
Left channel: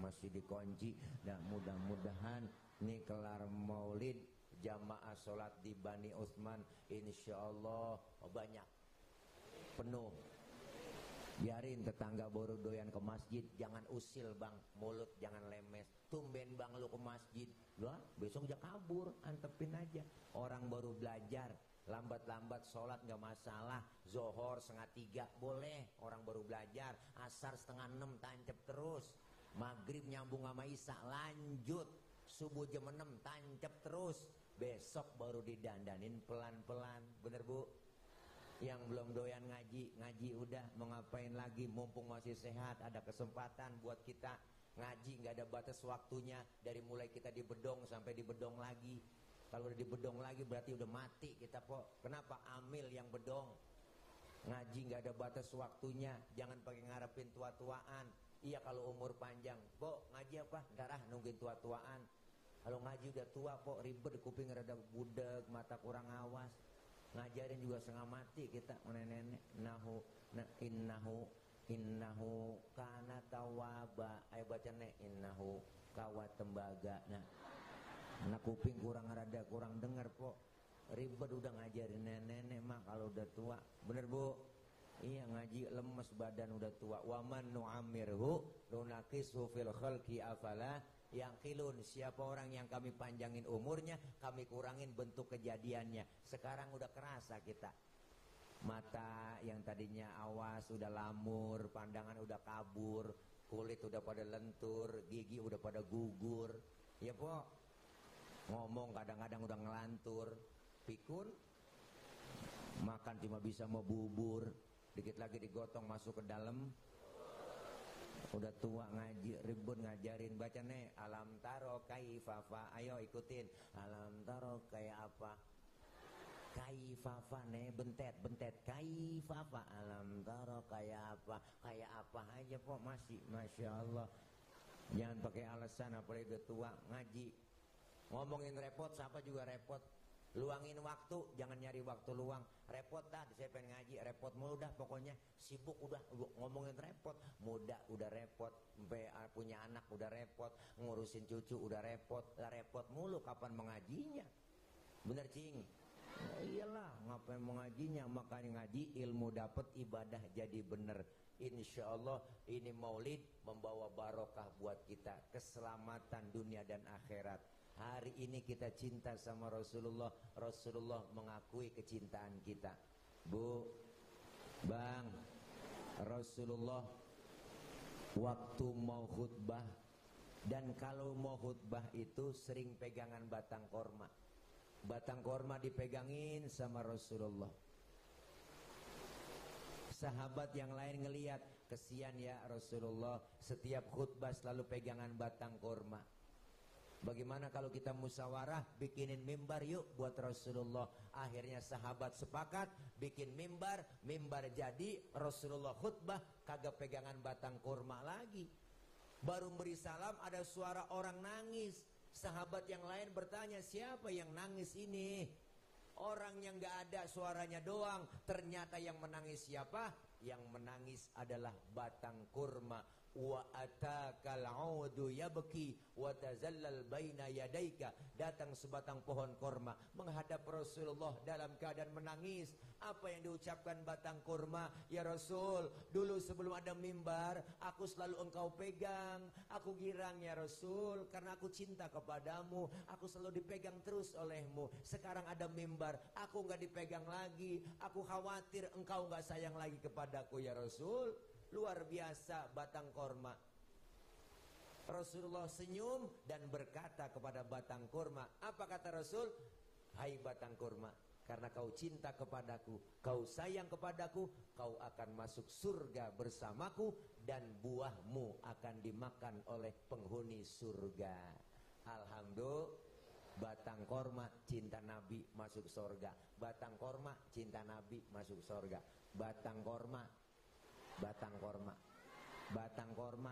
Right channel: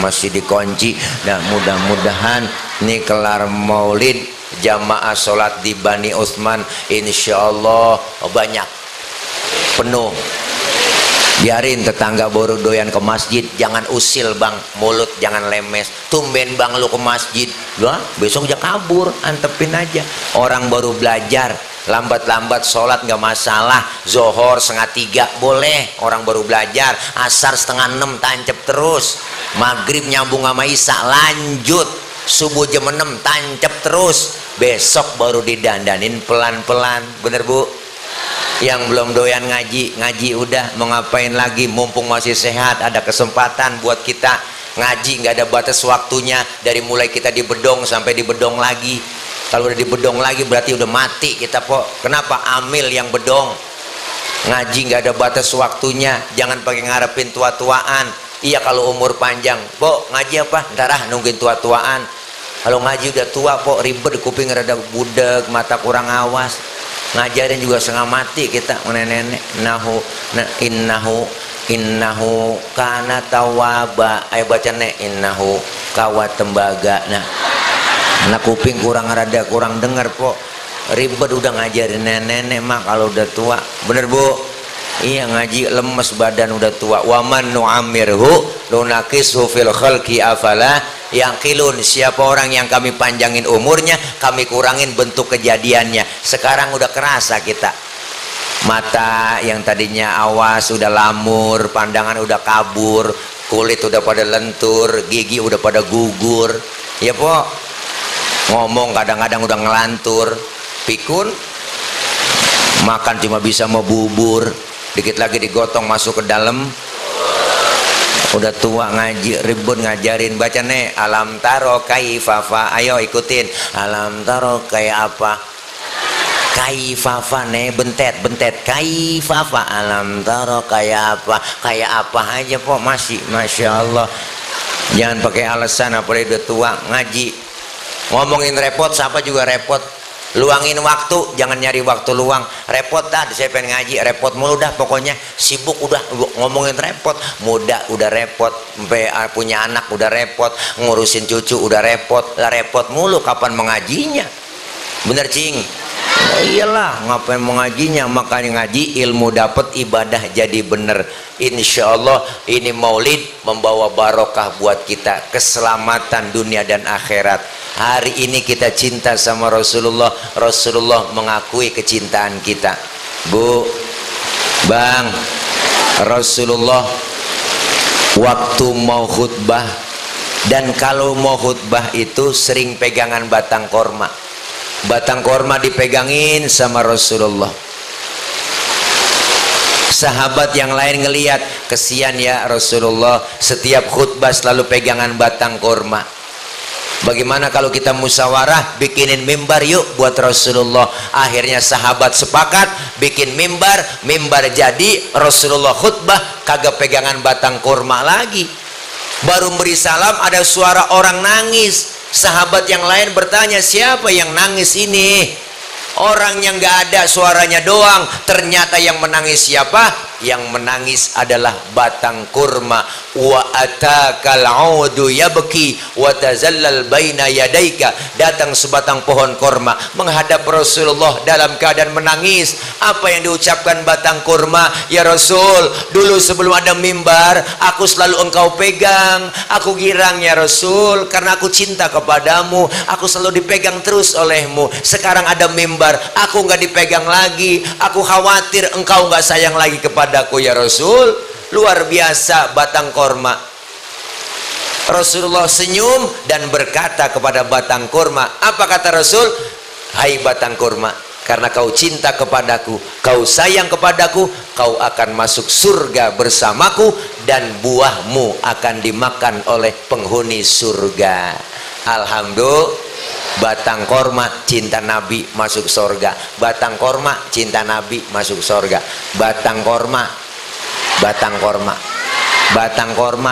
Masih dikunci. Dan mudah-mudahan nih kelar maulid jamaah sholat di Bani Utsman, insya Allah banyak penuh. Biarin tetangga baru doyan ke masjid, jangan usil bang, mulut jangan lemes. Tumben bang lu ke masjid, lah besok aja kabur, antepin aja. Orang baru belajar, lambat-lambat sholat nggak masalah. Zohor 2:30 boleh, orang baru belajar. Asar 5:30 tancep terus. Maghrib nyambung sama Isya lanjut. Subuh jam 6 tancep terus. Besok baru didandanin pelan-pelan, bener Bu? Yang belum doyan ngaji udah, mau ngapain lagi? Mumpung masih sehat, ada kesempatan buat kita ngaji, nggak ada batas waktunya. Dari mulai kita di bedong sampai di bedong lagi. Kalau udah di bedong lagi berarti udah mati kita, Pok. Kenapa? Amil yang bedong. Ngaji nggak ada batas waktunya, jangan pakai ngarepin tua-tuaan. Iya kalau umur panjang, Pok ngaji apa? Ntar nungguin tua-tuaan. Kalau ngaji udah tua, Pok ribet, kuping rada budek, mata kurang awas. Ngajarin juga setengah mati kita, nenek-nenek. Innahu kana tawaba. Ayo baca nek, innahu kawat tembaga. Nah, anak kuping rada kurang dengar, Pok. Ribet udah ngajarin nenek-nenek mah kalau udah tua. Bener Bu? Iya, ngaji lemes badan udah tua. Waman nu'amirhu lunakishu fil khalqi afala yaqilun. Siapa orang yang kami panjangin umurnya, kami kurangin bentuk kejadiannya. Sekarang udah kerasa kita. Mata yang tadinya awas udah lamur, pandangan udah kabur, kulit udah pada lentur, gigi udah pada gugur. Ya Pok, ngomong kadang-kadang udah ngelantur. Pikun, makan cuma bisa mau bubur, dikit lagi digotong masuk ke dalam. Udah tua ngaji, ribut ngajarin. Baca nih, alam taro kaifafa. Ayo ikutin, alam taro kayak apa? Kaifafa nih, bentet kaifafa. Alam taro kayak apa aja Pok, masih Masya Allah. Jangan pakai alasan apalagi udah tua ngaji. Ngomongin repot, siapa juga repot. Luangin waktu, jangan nyari waktu luang. Repot dah, saya pengen ngaji, repot mulu dah pokoknya. Sibuk udah ngomongin repot. Muda udah repot, punya anak udah repot, ngurusin cucu udah repot. Lah repot mulu, kapan mengajinya? Bener cing? Oh iyalah, ngapain mengajinya? Makanya ngaji, ilmu dapat, ibadah jadi bener. Insya Allah ini maulid membawa barokah buat kita, keselamatan dunia dan akhirat. Hari ini kita cinta sama Rasulullah, Rasulullah mengakui kecintaan kita. Bu, Bang, Rasulullah waktu mau khutbah, dan kalau mau khutbah itu sering pegangan batang korma. Batang korma dipegangin sama Rasulullah. Sahabat yang lain ngelihat, kesian ya Rasulullah, setiap khutbah selalu pegangan batang korma. Bagaimana kalau kita musyawarah bikinin mimbar yuk buat Rasulullah. Akhirnya sahabat sepakat bikin mimbar, mimbar jadi, Rasulullah khutbah kagak pegangan batang kurma lagi. Baru beri salam ada suara orang nangis. Sahabat yang lain bertanya, siapa yang nangis ini? Orang yang nggak ada suaranya doang, ternyata yang menangis siapa? Yang menangis adalah batang kurma. Wa atakal audu yabki wa tazallal baina yadaika. Datang sebatang pohon kurma menghadap Rasulullah dalam keadaan menangis. Apa yang diucapkan batang kurma? Ya Rasul, dulu sebelum ada mimbar, aku selalu engkau pegang. Aku girang ya Rasul, karena aku cinta kepadamu. Aku selalu dipegang terus olehmu. Sekarang ada mimbar, aku nggak dipegang lagi. Aku khawatir engkau nggak sayang lagi kepadaku ya Rasul. Luar biasa batang korma. Rasulullah senyum dan berkata kepada batang korma, apa kata Rasul? Hai batang korma, karena kau cinta kepadaku, kau sayang kepadaku, kau akan masuk surga bersamaku dan buahmu akan dimakan oleh penghuni surga. Alhamdulillah. Batang korma cinta Nabi masuk surga. Batang korma cinta Nabi masuk surga. Batang korma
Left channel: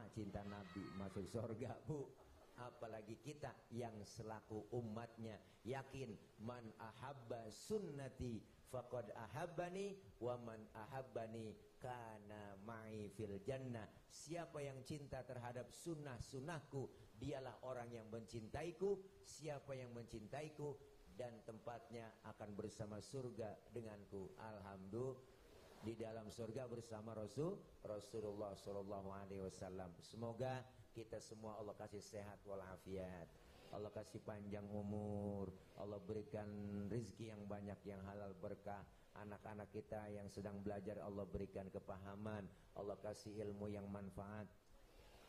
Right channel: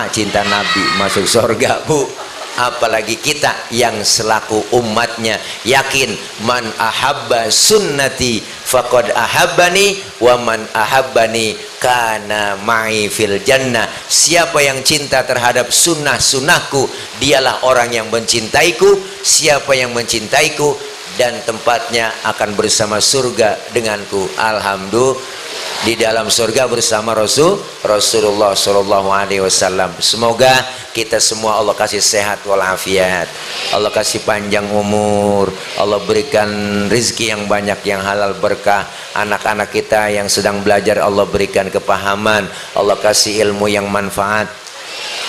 cinta Nabi masuk surga, Bu. Apalagi kita yang selaku umatnya yakin, man ahabba sunnati faqad ahabbani wa man ahabbani kana ma'i fil jannah. Siapa yang cinta terhadap sunnah-sunnahku, dialah orang yang mencintaiku. Siapa yang mencintaiku, dan tempatnya akan bersama surga denganku. Alhamdulillah, di dalam surga bersama Rasulullah Shallallahu Alaihi Wasallam. Semoga kita semua Allah kasih sehat walafiat, Allah kasih panjang umur, Allah berikan rezeki yang banyak yang halal berkah. Anak-anak kita yang sedang belajar Allah berikan kepahaman, Allah kasih ilmu yang manfaat.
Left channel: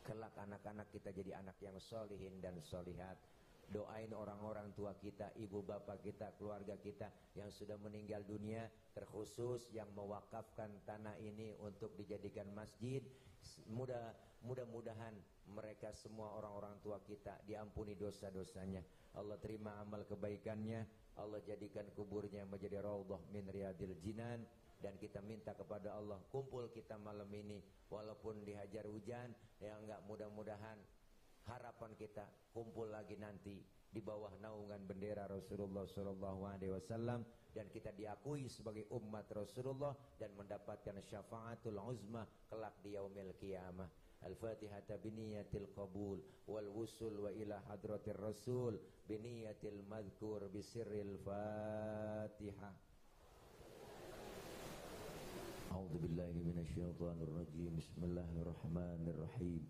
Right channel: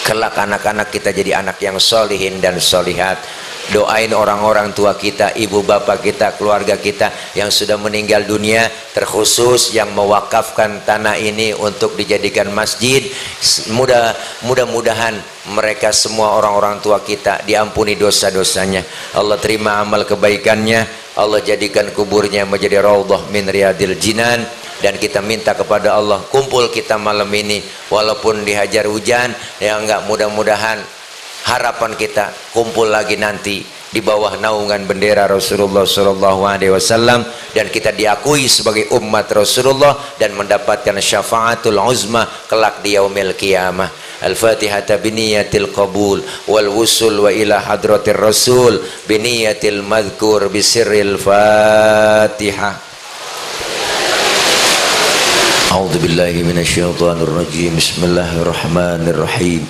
Kelak anak-anak kita jadi anak yang solihin dan solihat. Doain orang-orang tua kita, ibu bapak kita, keluarga kita yang sudah meninggal dunia, terkhusus yang mewakafkan tanah ini untuk dijadikan masjid. Mudah-mudahan mereka semua orang-orang tua kita diampuni dosa-dosanya, Allah terima amal kebaikannya, Allah jadikan kuburnya menjadi raudhah min riyadil jinan. Dan kita minta kepada Allah, kumpul kita malam ini walaupun dihajar hujan, ya enggak, mudah-mudahan harapan kita kumpul lagi nanti di bawah naungan bendera Rasulullah Shallallahu Alaihi Wasallam, dan kita diakui sebagai umat Rasulullah dan mendapatkan syafaatul uzma kelak di yaumil qiyamah. Al-Fatihah biniyatil qabul wal wusul wa ila hadratir Rasul biniyatil madhkur bisirril Fatihah. A'udzu billahi minasyaitonir rajim. Bismillahirrahmanirrahim.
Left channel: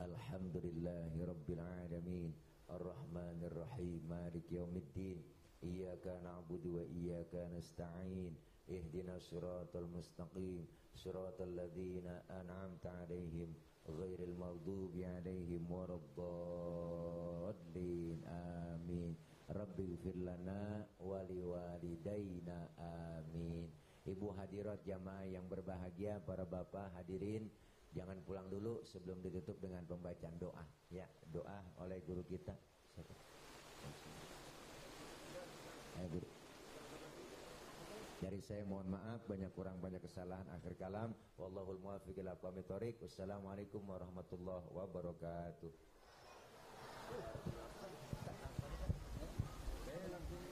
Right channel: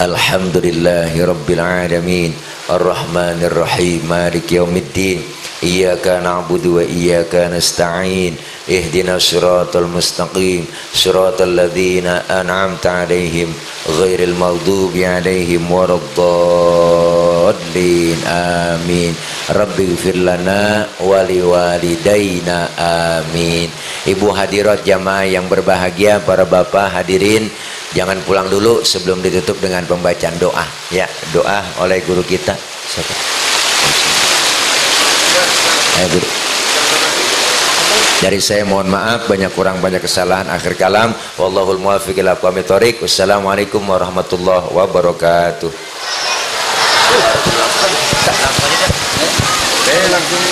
Alhamdulillahi rabbil alamin, arrahmanir rahim, maliki yaumiddin. Iyyaka na'budu wa iyyaka nasta'in. Ihdinas siratal mustaqim, siratal ladzina an'amta 'alaihim ghairil maghdubi 'alaihim waraddallin. Amin. Rabbighfir lana wa liwalidayna. Amin. Ibu hadirat jamaah yang berbahagia, para bapak hadirin, jangan pulang dulu sebelum ditutup dengan pembacaan doa. Ya, doa oleh guru kita. Siapa? Ayo guru. Dari saya mohon maaf banyak kurang banyak kesalahan. Akhir kalam, wallahul muwaffiq ila aqwamit thoriq. Wassalamualaikum warahmatullahi wabarakatuh. Langsung